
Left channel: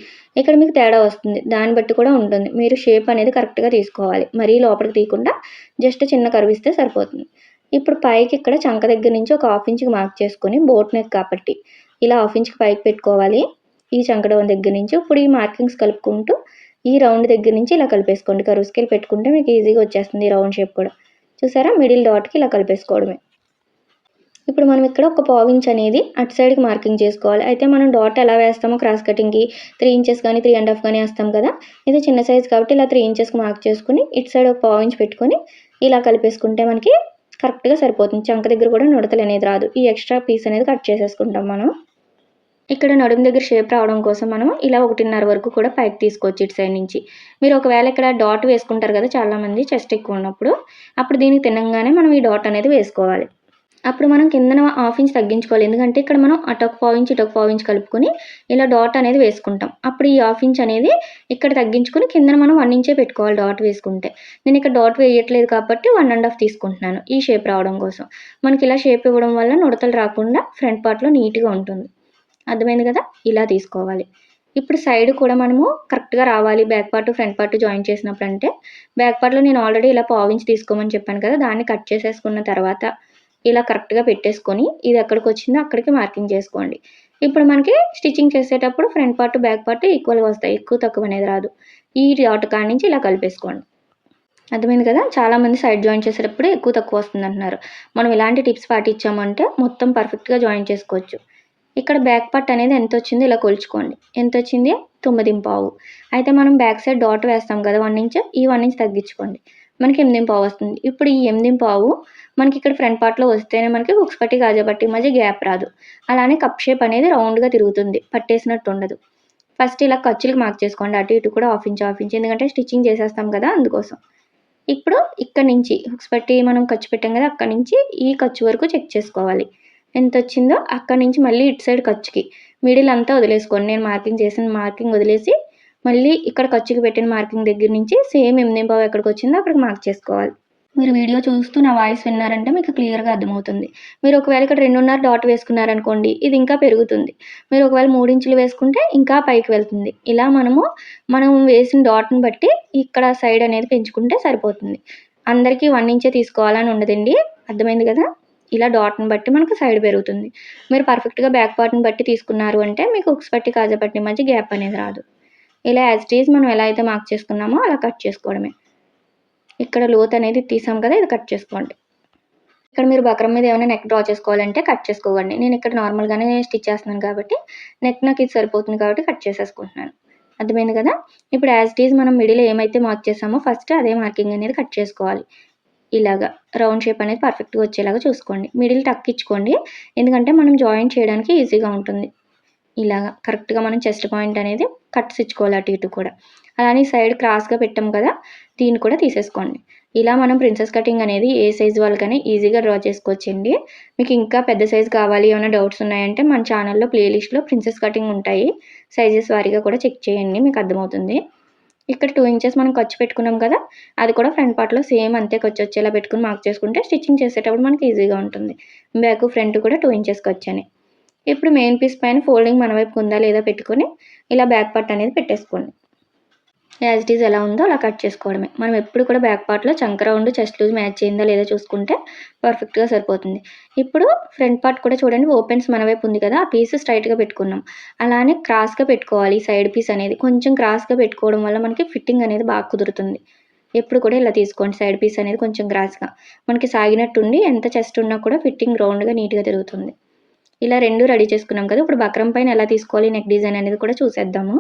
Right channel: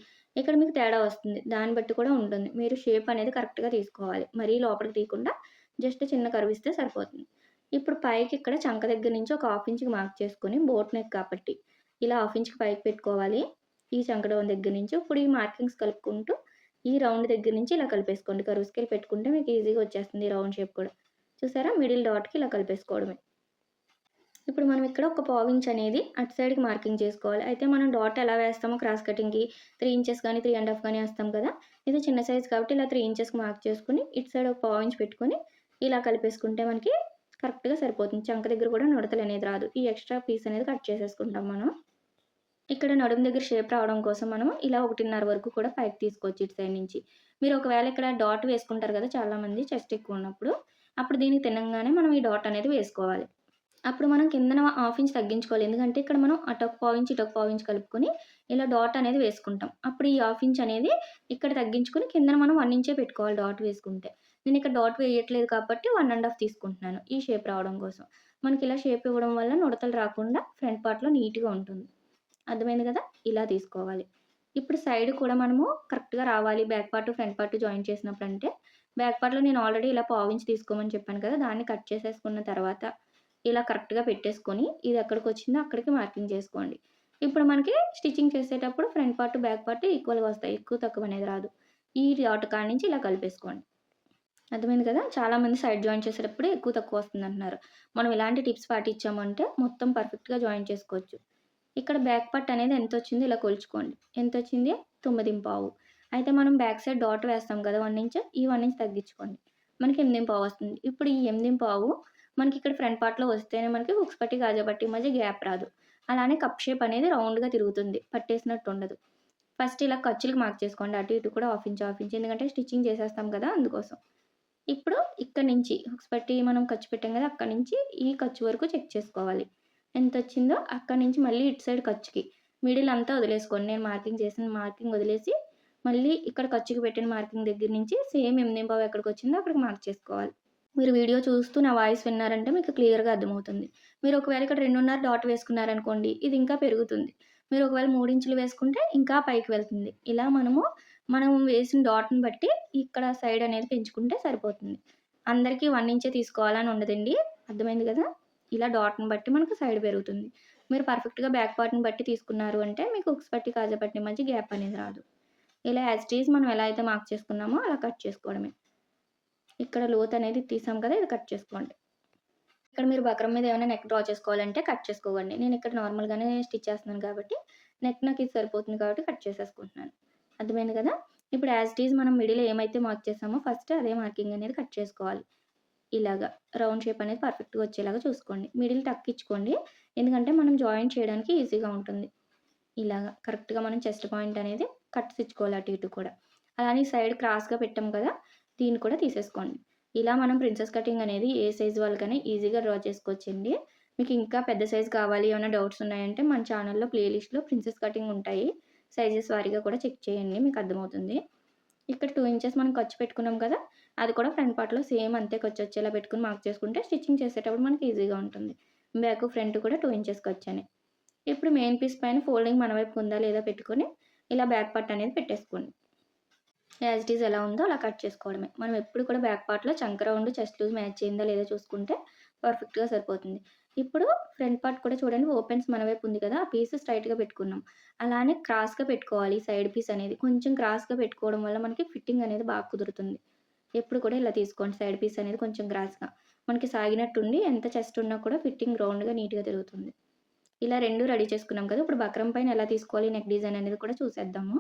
ఇక్కడ మీకు తేడా వస్తుంది. దాన్ని బట్టి కూడా ఉంటుంది. మీరు షేప్ అనేది కరెక్ట్గా తీసుకోవాలి. మరీ లోపలికి తీయకుండా జస్ట్ చిన్న కరివిస్తే సరిపోతుంది. ఇప్పుడు పైకి ఇక్కడ చంక దగ్గర నుంచి ఒక హాఫ్ ఇంచ్కి మార్క్ చేసుకొని బోట్ నెక్ కాబట్టి ఇలా హాఫ్ ఇంచ్కి పైకి పెట్టుకోవాలి. ఈ చంకడం దగ్గర నుంచి ఇప్పుడు ఈ మార్కింగ్స్ కలుపుకుంటూ ఈ రౌండ్ దగ్గర నుంచి ఇలా కలిపేసుకోండి. కరువు స్కేల్ పెట్టుకుంటే మీకు ఈజీగా వచ్చేస్తుంది ఈ రౌండ్ షేప్ కూడా. చూసారా? మిడిల్ డాట్కి ఇలా కలిపేసుకోవడమే. ఇప్పుడు మనం ఇక్కడ ఒక పావించ్ అనేది అటు సైడ్కి మార్కింగ్ చేసుకోవాలి. అయితే మనం డాట్ ఎలా వేస్తామో క్రాస్ కటింగ్కి త్రీ ఇంచెస్ కానీ త్రీ అండ్ హాఫ్ కానీ వేస్తాం కదా. ఇది చిన్న సైజ్ కాబట్టి ఇలా త్రీ ఇంచెస్కి మార్క్ చేసుకుని ఇటు సైడ్ ఒక పావించ్ పెట్టుకొని ఇలా కలిపేసుకుంటే మనకి కరెక్ట్గా సరిపోతుంది. చంక దగ్గర కూడా నుడతలు అనేది రాదు. ఈ ఎక్స్ట్రా పీస్ అనేది కట్ చేసేసుకుంటాం మనం. ఇక్కడ నడుము దగ్గర షేప్ రావడం కోసం మనం ఇలా ఒకటిన్నర వరకు కూడా పైకి తీసుకోవచ్చు ఇటు సైడ్ నుంచి. మీరు ఒకవేళ ఇక్కడ డాట్ వేసుకుంటారు కదా చాలామంది చెస్ట్ ఎక్కువ ఉన్నప్పుడు అప్పుడు దీనికి తినంగానే మనం ఈ డాట్ అనేది వేసుకోవాలి. అప్పుడు మనం కిందన హాఫ్ ఇంచ్ తగ్గించుకోవాలి. ఎందుకంటే ఇక్కడ మనం అటొక పావు ఇంచ్ ఇటొక పావు ఇంచ్ కలుపుకొని ఇలా డాట్ అనేది వేసుకుంటాం. అప్పుడు ఈ హాఫ్ ఇంచ్ అనేది ఇక్కడ తగ్గించుకొని కిందన మనం వన్ ఇంచే పెట్టుకోవాలి డాట్ వేసుకుంటే. నేను ఇక్కడ డాట్ వేయట్లేదు కాబట్టి వన్ అండ్ హాఫ్ తీసుకుంటున్నాను ఈ షేప్ రావడం కోసం. మనకి ఇలా షేప్ ఇవ్వడం వల్ల నుడతలు రాకుండా ఫ్రంట్ పార్ట్లో నీట్గా ఉంటుంది. అర్థమైంది కదా? ఇలా తీసుకోవాలి. ఇప్పుడు సైడ్ కూడా మనము కరెక్ట్గా రావాలి. Back part front part join చేసినప్పుడు అంటే బ్యాక్ పార్ట్లో నేను ఆల్రెడీ ఇలా పావు ఇంచ్ తీసుకోమని చెప్పాను కదా? దాన్ని కట్ చేసేసుకున్న తర్వాత ఇలా కరెక్ట్గా పెట్టేసుకొని ఇది ఎక్కడికి వచ్చిందో అక్కడికి మార్కింగ్ చేసుకోండి. ఇప్పుడు మనకి స్టిచ్చింగ్ చేసేటప్పుడు ఫ్రంట్ పార్ట్ బ్యాక్ పార్ట్ ఈక్వల్గా వస్తాయి. ఎక్కువ తక్కువ అనేది రాదు. ఈ డాట్ కాడ నుంచి ఇలా కలిపేసుకోండి. అర్థమైంది కదా? చాలామంది సైడ్ జాయిన్ చేసేటప్పుడు ఎక్కువ తక్కువ వస్తుంది అంటున్నారు. మనం ఇలాంటి టిప్స్ పాటించామంటే మొత్తం పర్ఫెక్ట్గా జాయిన్ చేసుకోవచ్చు. ఇక్కడ బ్యాక్ పార్ట్ అనేది ఎంత వచ్చిందో ఇలా కొలుచుకోండి. ఎంత వచ్చింది? తొమ్మిది పావు. అయితే మనం బ్యాక్ సైడ్ డాట్ వేస్తాం కదా? One inch. ఈ వన్ ఇంచ్ తగ్గించుకోండి. మనకి ఎనిమిది పావు వస్తుంది. ఇప్పుడు ఈ ఎనిమిది పావు మనకి ఇక్కడ ఫ్రంట్ పార్ట్లో వస్తేనే మనకి హుక్స్ పట్టి గాజా పట్టి మధ్య గ్యాప్ రాదు. అలానే కప్ షేప్ అనేది రౌండ్గా తిరుగుతుంది. పట్టేసినట్టు ఉండదు. ఫస్ట్ ఇలా ఖర్చులకు మార్క్ చేసుకోండి. అటు ఇటు కూడా ఆఫ్ ఇంచ్ ఆఫ్ ఇంచ్ ఎందుకంటే స్టిచ్చింగ్ చేసేస్తాం కదా అందుకోసం. ఇప్పుడు ఇక్కడ నుంచి హుక్స్ పట్టి మనం ఖర్చు పెట్టాం కదా అక్కడ నుంచి ఈ ఖర్చు వరకు చెక్ చేసుకోవాలి. ఎంత వచ్చిందో అక్కడ నుంచి మళ్ళీ ఇటు సైడ్ ఖర్చుకి. మిడిల్ అంతా వదిలేసుకోండి. నేను మార్కింగ్ చేసిన మార్కింగ్ వదిలేసి మళ్ళీ ఇక్కడ ఖర్చుకి పెట్టిన మార్కింగ్ దగ్గర నుంచి సేమ్ ఎనిమిది పావు ఎక్కడికి వచ్చిందో అక్కడికి మార్క్ చేసుకోవాలి. మీరు వీడియో చూస్తూ నా వాయిస్ విన్నారంటే మీకు క్లియర్గా అర్థమవుతుంది. మీరు ఒకవేళ ఇక్కడ రెండున్నర డాట్ వేసుకున్నారనుకోండి ఇది ఇంకా పెరుగుతుంది. మీరు ఒకవేళ మూడు ఇంచులు వేసుకుంటే ఇంకా పైకి వెళ్తుంది. ఇలా మనము మనం వేసిన డాట్ని బట్టి ఇక్కడ సైడ్ అనేది పెంచుకుంటే సరిపోతుంది. అందరికీ వన్ ఇంచే తీసుకోవాలని ఉండదండి. అర్థమైంది కదా? ఇలా డాట్ని బట్టి మనకు సైడ్ పెరుగుతుంది. మీరు పర్ఫెక్ట్గా బ్యాక్ పార్ట్ని బట్టి తీసుకున్నారు అంటే మీకు ఉక్స్ పట్టి కాజా పట్టి మధ్య గ్యాప్ అనేది రాదు. ఇలా యాజ్ ఇట్ ఈజ్ మనం ఎలా అయితే మార్క్ చేసుకున్నామో అలా కట్ చేసుకోవడమే. ఇక్కడ లోత్ అనేది తీసాం కదా ఇది కట్ చేసుకోండి ఇక్కడ మీరు బక్రం మీద ఏమైనా నెక్ డ్రా చేసుకోవాలంటే కట్ చేసుకోకండి నేను ఇక్కడ నార్మల్గానే స్టిచ్ చేస్తున్నాను కాబట్టి నెక్ నాకు ఇది సరిపోతుంది కాబట్టి కట్ చేసేసుకుంటున్నాను. అర్థమైంది కదా? ఇప్పుడు యాజ్ ఇట్ ఈజ్ మనం మిడిల్ ఏమైతే మార్క్ చేసామో ఫస్ట్ అదే మార్కింగ్ అనేది కట్ చేసుకోవాలి. ఇలాగా రౌండ్ షేప్ అనేది పర్ఫెక్ట్గా వచ్చేలాగా చూసుకోండి. మిడిల్ టక్ ఇచ్చుకోండి. ఎందుకంటే మనం జాయిన్ చేయడానికి ఈజీగా ఉంటుంది. ఇలాగా కరెక్ట్గా మనం చెస్ట్ పాయింట్ అనేది కట్స్ ఇచ్చుకోవాలి అటు ఇటు కూడా. అలానే సైడ్ క్రాస్గా పెట్టాం కదా దీన్ని కూడా తీసేసుకోండి. ఇలా మనం ప్రిన్సెస్ కటింగ్ అనేది ఏ సైజ్ వాళ్ళకనే ఈజీగా డ్రా చేసుకోవచ్చండి. మీకు ఇంకా పెద్ద సైజ్ కావాలి ఏమైనా డౌట్స్ ఉన్నాయంటే మన ఛానల్లో ప్లేలిస్ట్లో ప్రిన్సెస్ కటింగ్ ఉంటాయి. సైజెస్ వారీగా కూడా చెక్ చేయండి మీకు అర్థమవుతుంది. ఇక్కడ టూ ఇంచెస్ మనం ఖర్చు పెట్టుకున్నాం కదా అది కూడా ఫ్రంట్ పార్ట్లో సేమ్ అంతే ఖర్చు వచ్చేలా పెట్టుకుని మార్క్ చేసుకుంటే స్టిచ్చింగ్ చేసేటప్పుడు మనకి ఈజీగా ఉంటుంది. బ్యాక్ ఫ్రంట్ కూడా టూ ఇంచెస్ ఖర్చు ఇప్పుడు మెయిన్ పీస్ పైన ఫోల్డింగ్ మన వైపు ఉందా లేదా పెట్టుకొని ఇలా బ్యాక్ పార్ట్ అనేది పెట్టేసుకోండి. యాజ్ ఇట్ ఈజ్ ఎలా ఉందో అలా కట్ చేసుకోవడమే. మనం ఎప్పుడు కూడా బ్యాక్ పార్ట్లో చంక రౌండ్ చెస్ట్ లూజ్ మ్యాచ్ చేయిందా లేదా చూసుకుంటే పర్ఫెక్ట్గా సరిపోతుంది. ఇప్పుడు ఫ్రంట్ పార్ట్ కూడా చూడండి ఓపెన్స్ మన వైపు ఉంది కదా ఆ పీస్ స్ట్రైట్గా పెట్టుకున్నాం. అలానే క్రాస్గా పెట్టుకోవాలి సైడ్ పీస్ అనేది. కొంచెం క్రాస్గా పెట్టుకోవడం వల్ల మనకి ఫిట్టింగ్ అనేది బాగా కుదురుతుంది. ఎప్పుడు కూడా ఇలా తీసుకోండి సైడ్ పీస్ అనేది కొంచెం క్రాస్గా మనకి సాగినట్టుండి ఎంత చెస్ట్ ఉన్నా కూడా ఫిట్టింగ్ రౌండ్గా నీట్గా తిరుగుతుంది. ఇలా రెండు రెడీ చేసుకున్నాం కదా. ఇప్పుడు బక్రం పైన ఎలా తీసుకోవాలి నెక్ డిజైన్ అనేది కూడా చూసేద్దాము.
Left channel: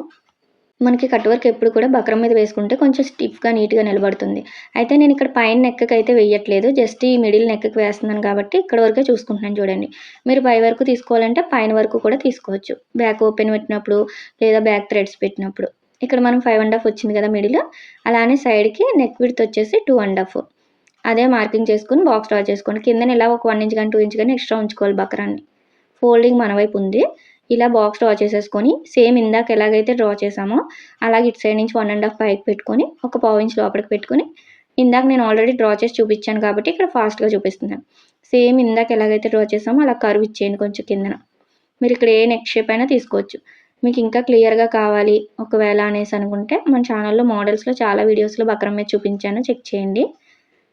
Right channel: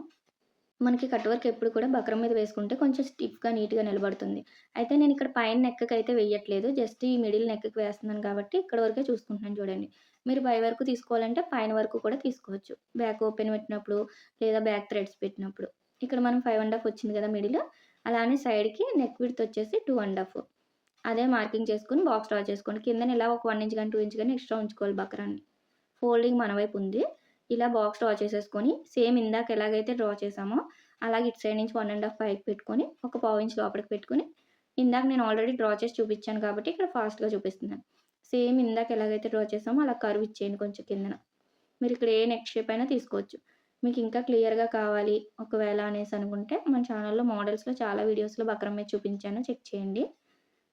మనకి కట్ వర్క్ ఎప్పుడు కూడా బక్రం మీద వేసుకుంటే కొంచెం స్టిఫ్గా నీట్గా నిలబడుతుంది. అయితే నేను ఇక్కడ పైన నెక్కకి అయితే వేయట్లేదు. జస్ట్ ఈ మిడిల్ నెక్కకి వేస్తున్నాను కాబట్టి ఇక్కడ వరకే చూసుకుంటున్నాను చూడండి. మీరు పై వరకు తీసుకోవాలంటే పైన వరకు కూడా తీసుకోవచ్చు. బ్యాక్ ఓపెన్ పెట్టినప్పుడు లేదా బ్యాక్ థ్రెడ్స్ పెట్టినప్పుడు. ఇక్కడ మనం ఫైవ్ అండ్ హాఫ్ వచ్చింది కదా మిడిల్ అలానే సైడ్కి నెక్ విడ్త్ వచ్చేసి టూ అండ్ హాఫ్ అదే మార్కింగ్ చేసుకుని బాక్స్ డ్రా చేసుకోండి కింద ఇలా ఒక వన్ ఇంచ్ కానీ టూ ఇంచ్ కానీ ఎక్స్ట్రా ఉంచుకోవాలి బక్రాన్ని. ఫోల్డింగ్ మన వైపు ఉంది. ఇలా బాక్స్ డ్రా చేసేసుకొని సేమ్ ఇందాక ఎలాగైతే డ్రా చేసామో అలాగే ఇటు సైడ్ నుంచి వన్ అండ్ హాఫ్ పైకి పెట్టుకొని ఒక పావు ఇంచ్ లోపలికి పెట్టుకొని ఇందాక నేను ఆల్రెడీ డ్రా చేసి చూపించాను కాబట్టి ఇక్కడ ఫాస్ట్గా చూపిస్తున్నాను. సేమ్ ఇందాక ఎలాగైతే డ్రా చేసామో అలా కరువు ఇచ్చేయండి కొంచెం కిందన. మీరు ఇక్కడ ఏ నెక్ షేప్ అయినా తీసుకోవచ్చు. మీకు ఇంకా క్లియర్గా కావాలి ఒకవేళ అనేసి అనుకుంటే మన ఛానల్లో మోడల్స్లో చాలా వీడియోస్లో బక్రం మీద చూపించాను. చెక్ చేయండి.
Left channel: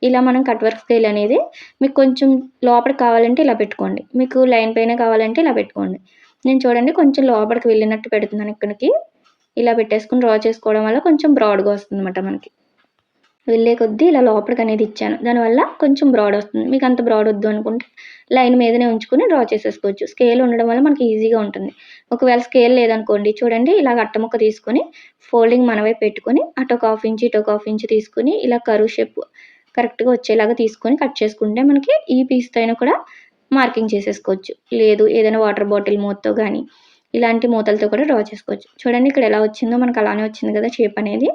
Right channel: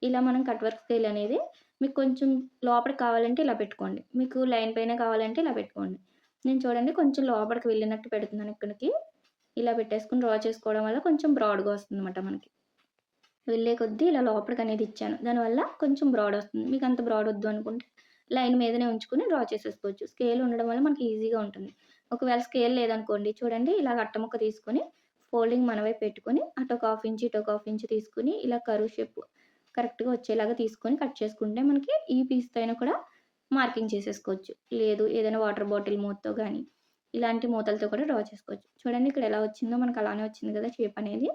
ఇలా మనం కట్ వర్క్ స్కేల్ అనేది మీకు కొంచెం లోపల కావాలంటే ఇలా పెట్టుకోండి. మీకు లైన్ పైన కావాలంటే ఇలా పెట్టుకోండి. నేను చూడండి కొంచెం లోపలికి వెళ్ళినట్టు పెడుతున్నాను ఇక్కడికి. ఇలా పెట్టేసుకుని డ్రా చేసుకోవడం వల్ల కొంచెం బ్రాడ్గా వస్తుంది అనమాట మనకి. వెళ్ళే కొద్దీ ఇలా లోపలికి అనేది ఇచ్చాను. దానివల్ల కొంచెం బ్రాడ్ వస్తుంది. మీకు అంత బ్రాడ్ వద్దు అనుకుంటే లైన్ మీదనే ఉంచుకొని డ్రా చేసేసుకోవచ్చు. స్కేల్ ఉండడం వల్ల మనకి ఈజీగా ఉంటుంది. ఒకవేళ స్కేల్ లేదనుకోండి చూడండి ఇలా అట్టముక్క తీసుకొని ఫోల్డింగ్ మన వైపు పెట్టుకొని అటు ఒక హాఫ్ ఇంచ్ ఇటు ఒక హాఫ్ ఇంచ్ తీసుకొని ఇలా కరువు షేప్ కరెక్ట్గా వచ్చేలాగా తీసుకొని కట్ చేసుకుంటే మనకి ఈ పీస్తో అయినా కూడా మార్కింగ్ చేసేసుకోవచ్చు. లేదు ఏదైనా వాటర్ బాటిల్ మూతతో కానీ ఇలాంటి మూతలతో కూడా డ్రా చేసుకోవచ్చు. చూడండి ఇక్కడ ఎలా వచ్చిందో మనకు అలానే వచ్చింది కదా షేప్ అనేది.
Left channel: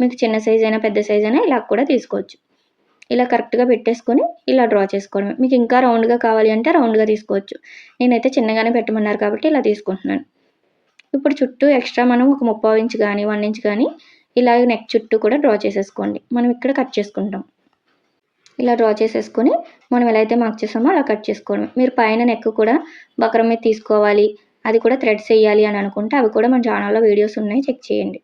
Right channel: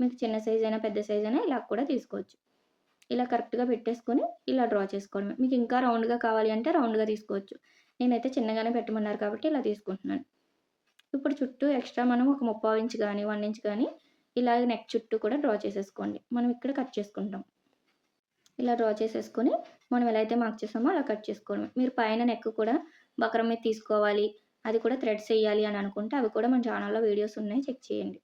మీకు చిన్న సైజ్ అయినా పెద్ద సైజ్ అయినా ఇలా కూడా తీసుకోవచ్చు. ఇలా కరెక్ట్గా పెట్టేసుకొని ఇలా డ్రా చేసుకోవడమే. మీకు ఇంకా రౌండ్గా కావాలి అంటే రౌండ్గా తీసుకోవచ్చు. నేనైతే చిన్నగానే పెట్టమన్నారు కాబట్టి ఇలా తీసుకుంటున్నాను. ఇప్పుడు చుట్టూ ఎక్స్ట్రా మనం ఒక ముప్పై ఇంచ్ కానీ వన్ ఇంచ్ కానీ ఇలాగ నెక్ చుట్టూ కూడా డ్రా చేసేసుకోండి. మనం ఇక్కడ కట్ చేసుకుంటాం. ఇలా డ్రా చేసేసుకొని మనం ఎలా అయితే మార్క్ చేసామో అలా కట్ చేసుకోవడం. మీరు పైన నెక్ కూడా బకరం మీద తీసుకోవాలి. అది కూడా థ్రెడ్స్ వేయాలి అని అనుకుంటే అవి కూడా మన ఛానల్లో వీడియోస్ ఉన్నాయి చెక్ చేయండి.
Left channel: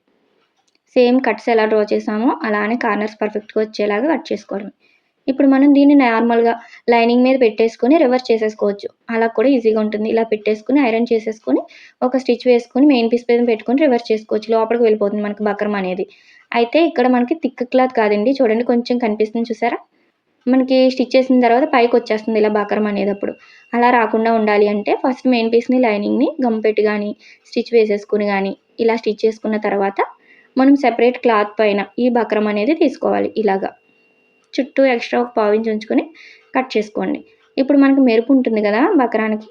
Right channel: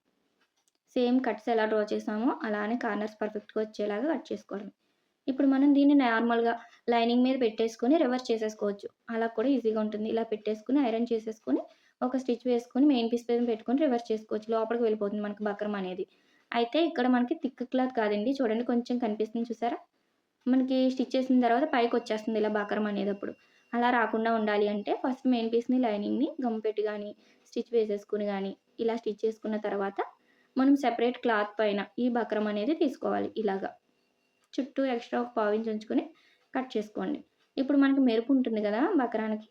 సేమ్ కట్స్ ఎలా డ్రా చేసామో అలానే కార్నర్స్ పర్ఫెక్ట్గా వచ్చేలాగా కట్ చేసుకోవడం. ఇప్పుడు మనం దీన్ని నార్మల్గా లైనింగ్ మీద పెట్టేసుకొని రివర్స్ చేసేసుకోవచ్చు. అలా కూడా ఈజీగా ఉంటుంది. ఇలా పెట్టేసుకుని ఐరన్ చేసేసుకొని ఒక స్టిచ్ వేసుకొని మెయిన్ పీస్ మీద పెట్టుకొని రివర్స్ చేసుకోవచ్చు. లోపలికి వెళ్ళిపోతుంది మనకి బక్రం అనేది. అయితే ఇక్కడ మనకి థిక్ క్లాత్ కాదండి. చూడండి కొంచెం కనిపిస్తుంది చూసారా? మనకి స్టిచ్ చేసిన తర్వాత పైకి వచ్చేస్తుంది ఇలా బకరం అనేటప్పుడు. అలా రాకుండా ఉండాలి అంటే ఫస్ట్ మెయిన్ పీస్ని లైనింగ్ని గమ్ పెట్టి కానీ స్టిచ్ వేసేసుకుని కానీ ఇలా స్టిచ్ చేసుకున్న తర్వాత మనం సెపరేట్ క్లాత్ పైన ఈ బకరం అనేది తీసుకోవాలి ఇలాగా. చుట్టూ ఎక్స్ట్రా ఒక పావించి ఉంచుకొని కట్ చేసుకోండి. ఇప్పుడు మనకి మెరుపు ఉంటుంది కదా బకరానికి.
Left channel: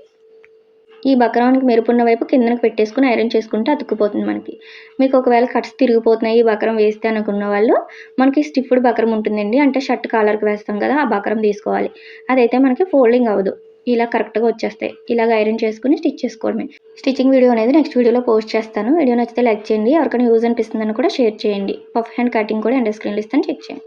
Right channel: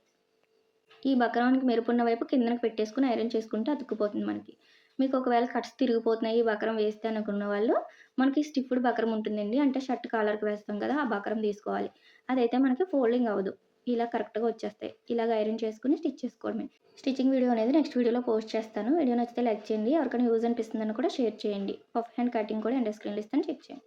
ఈ బక్రానికి మెరుపున్న వైపు కిందకు పెట్టేసుకుని ఐరన్ చేసుకుంటే అతుక్కుపోతుంది మనకి. మీకు ఒకవేళ కట్స్ తిరిగిపోతున్నాయి ఈ బక్రం వేస్తే అనుకున్న వాళ్ళు మనకి స్టిఫ్డ్ బక్రం ఉంటుందండి. అంటే షర్ట్ కాలర్కి వేస్తాం కదా ఆ బక్రం తీసుకోవాలి. అదైతే మనకి ఫోల్డింగ్ అవ్వదు. ఇలా కరెక్ట్గా వచ్చేస్తాయి. ఇలాగ ఐరన్ చేసుకుని స్టిచ్ చేసుకోవడమే. స్టిచ్చింగ్ వీడియో అనేది నెక్స్ట్ వీడియోలో పోస్ట్ చేస్తాను. వీడియో నచ్చితే లైక్ చేయండి. ఎవరికైనా యూజ్ అనిపిస్తుందని కూడా షేర్ చేయండి. పఫ్ హ్యాండ్ కటింగ్ కూడా ఎండ్ స్క్రీన్ ఇస్తాను. చెక్ చేయండి.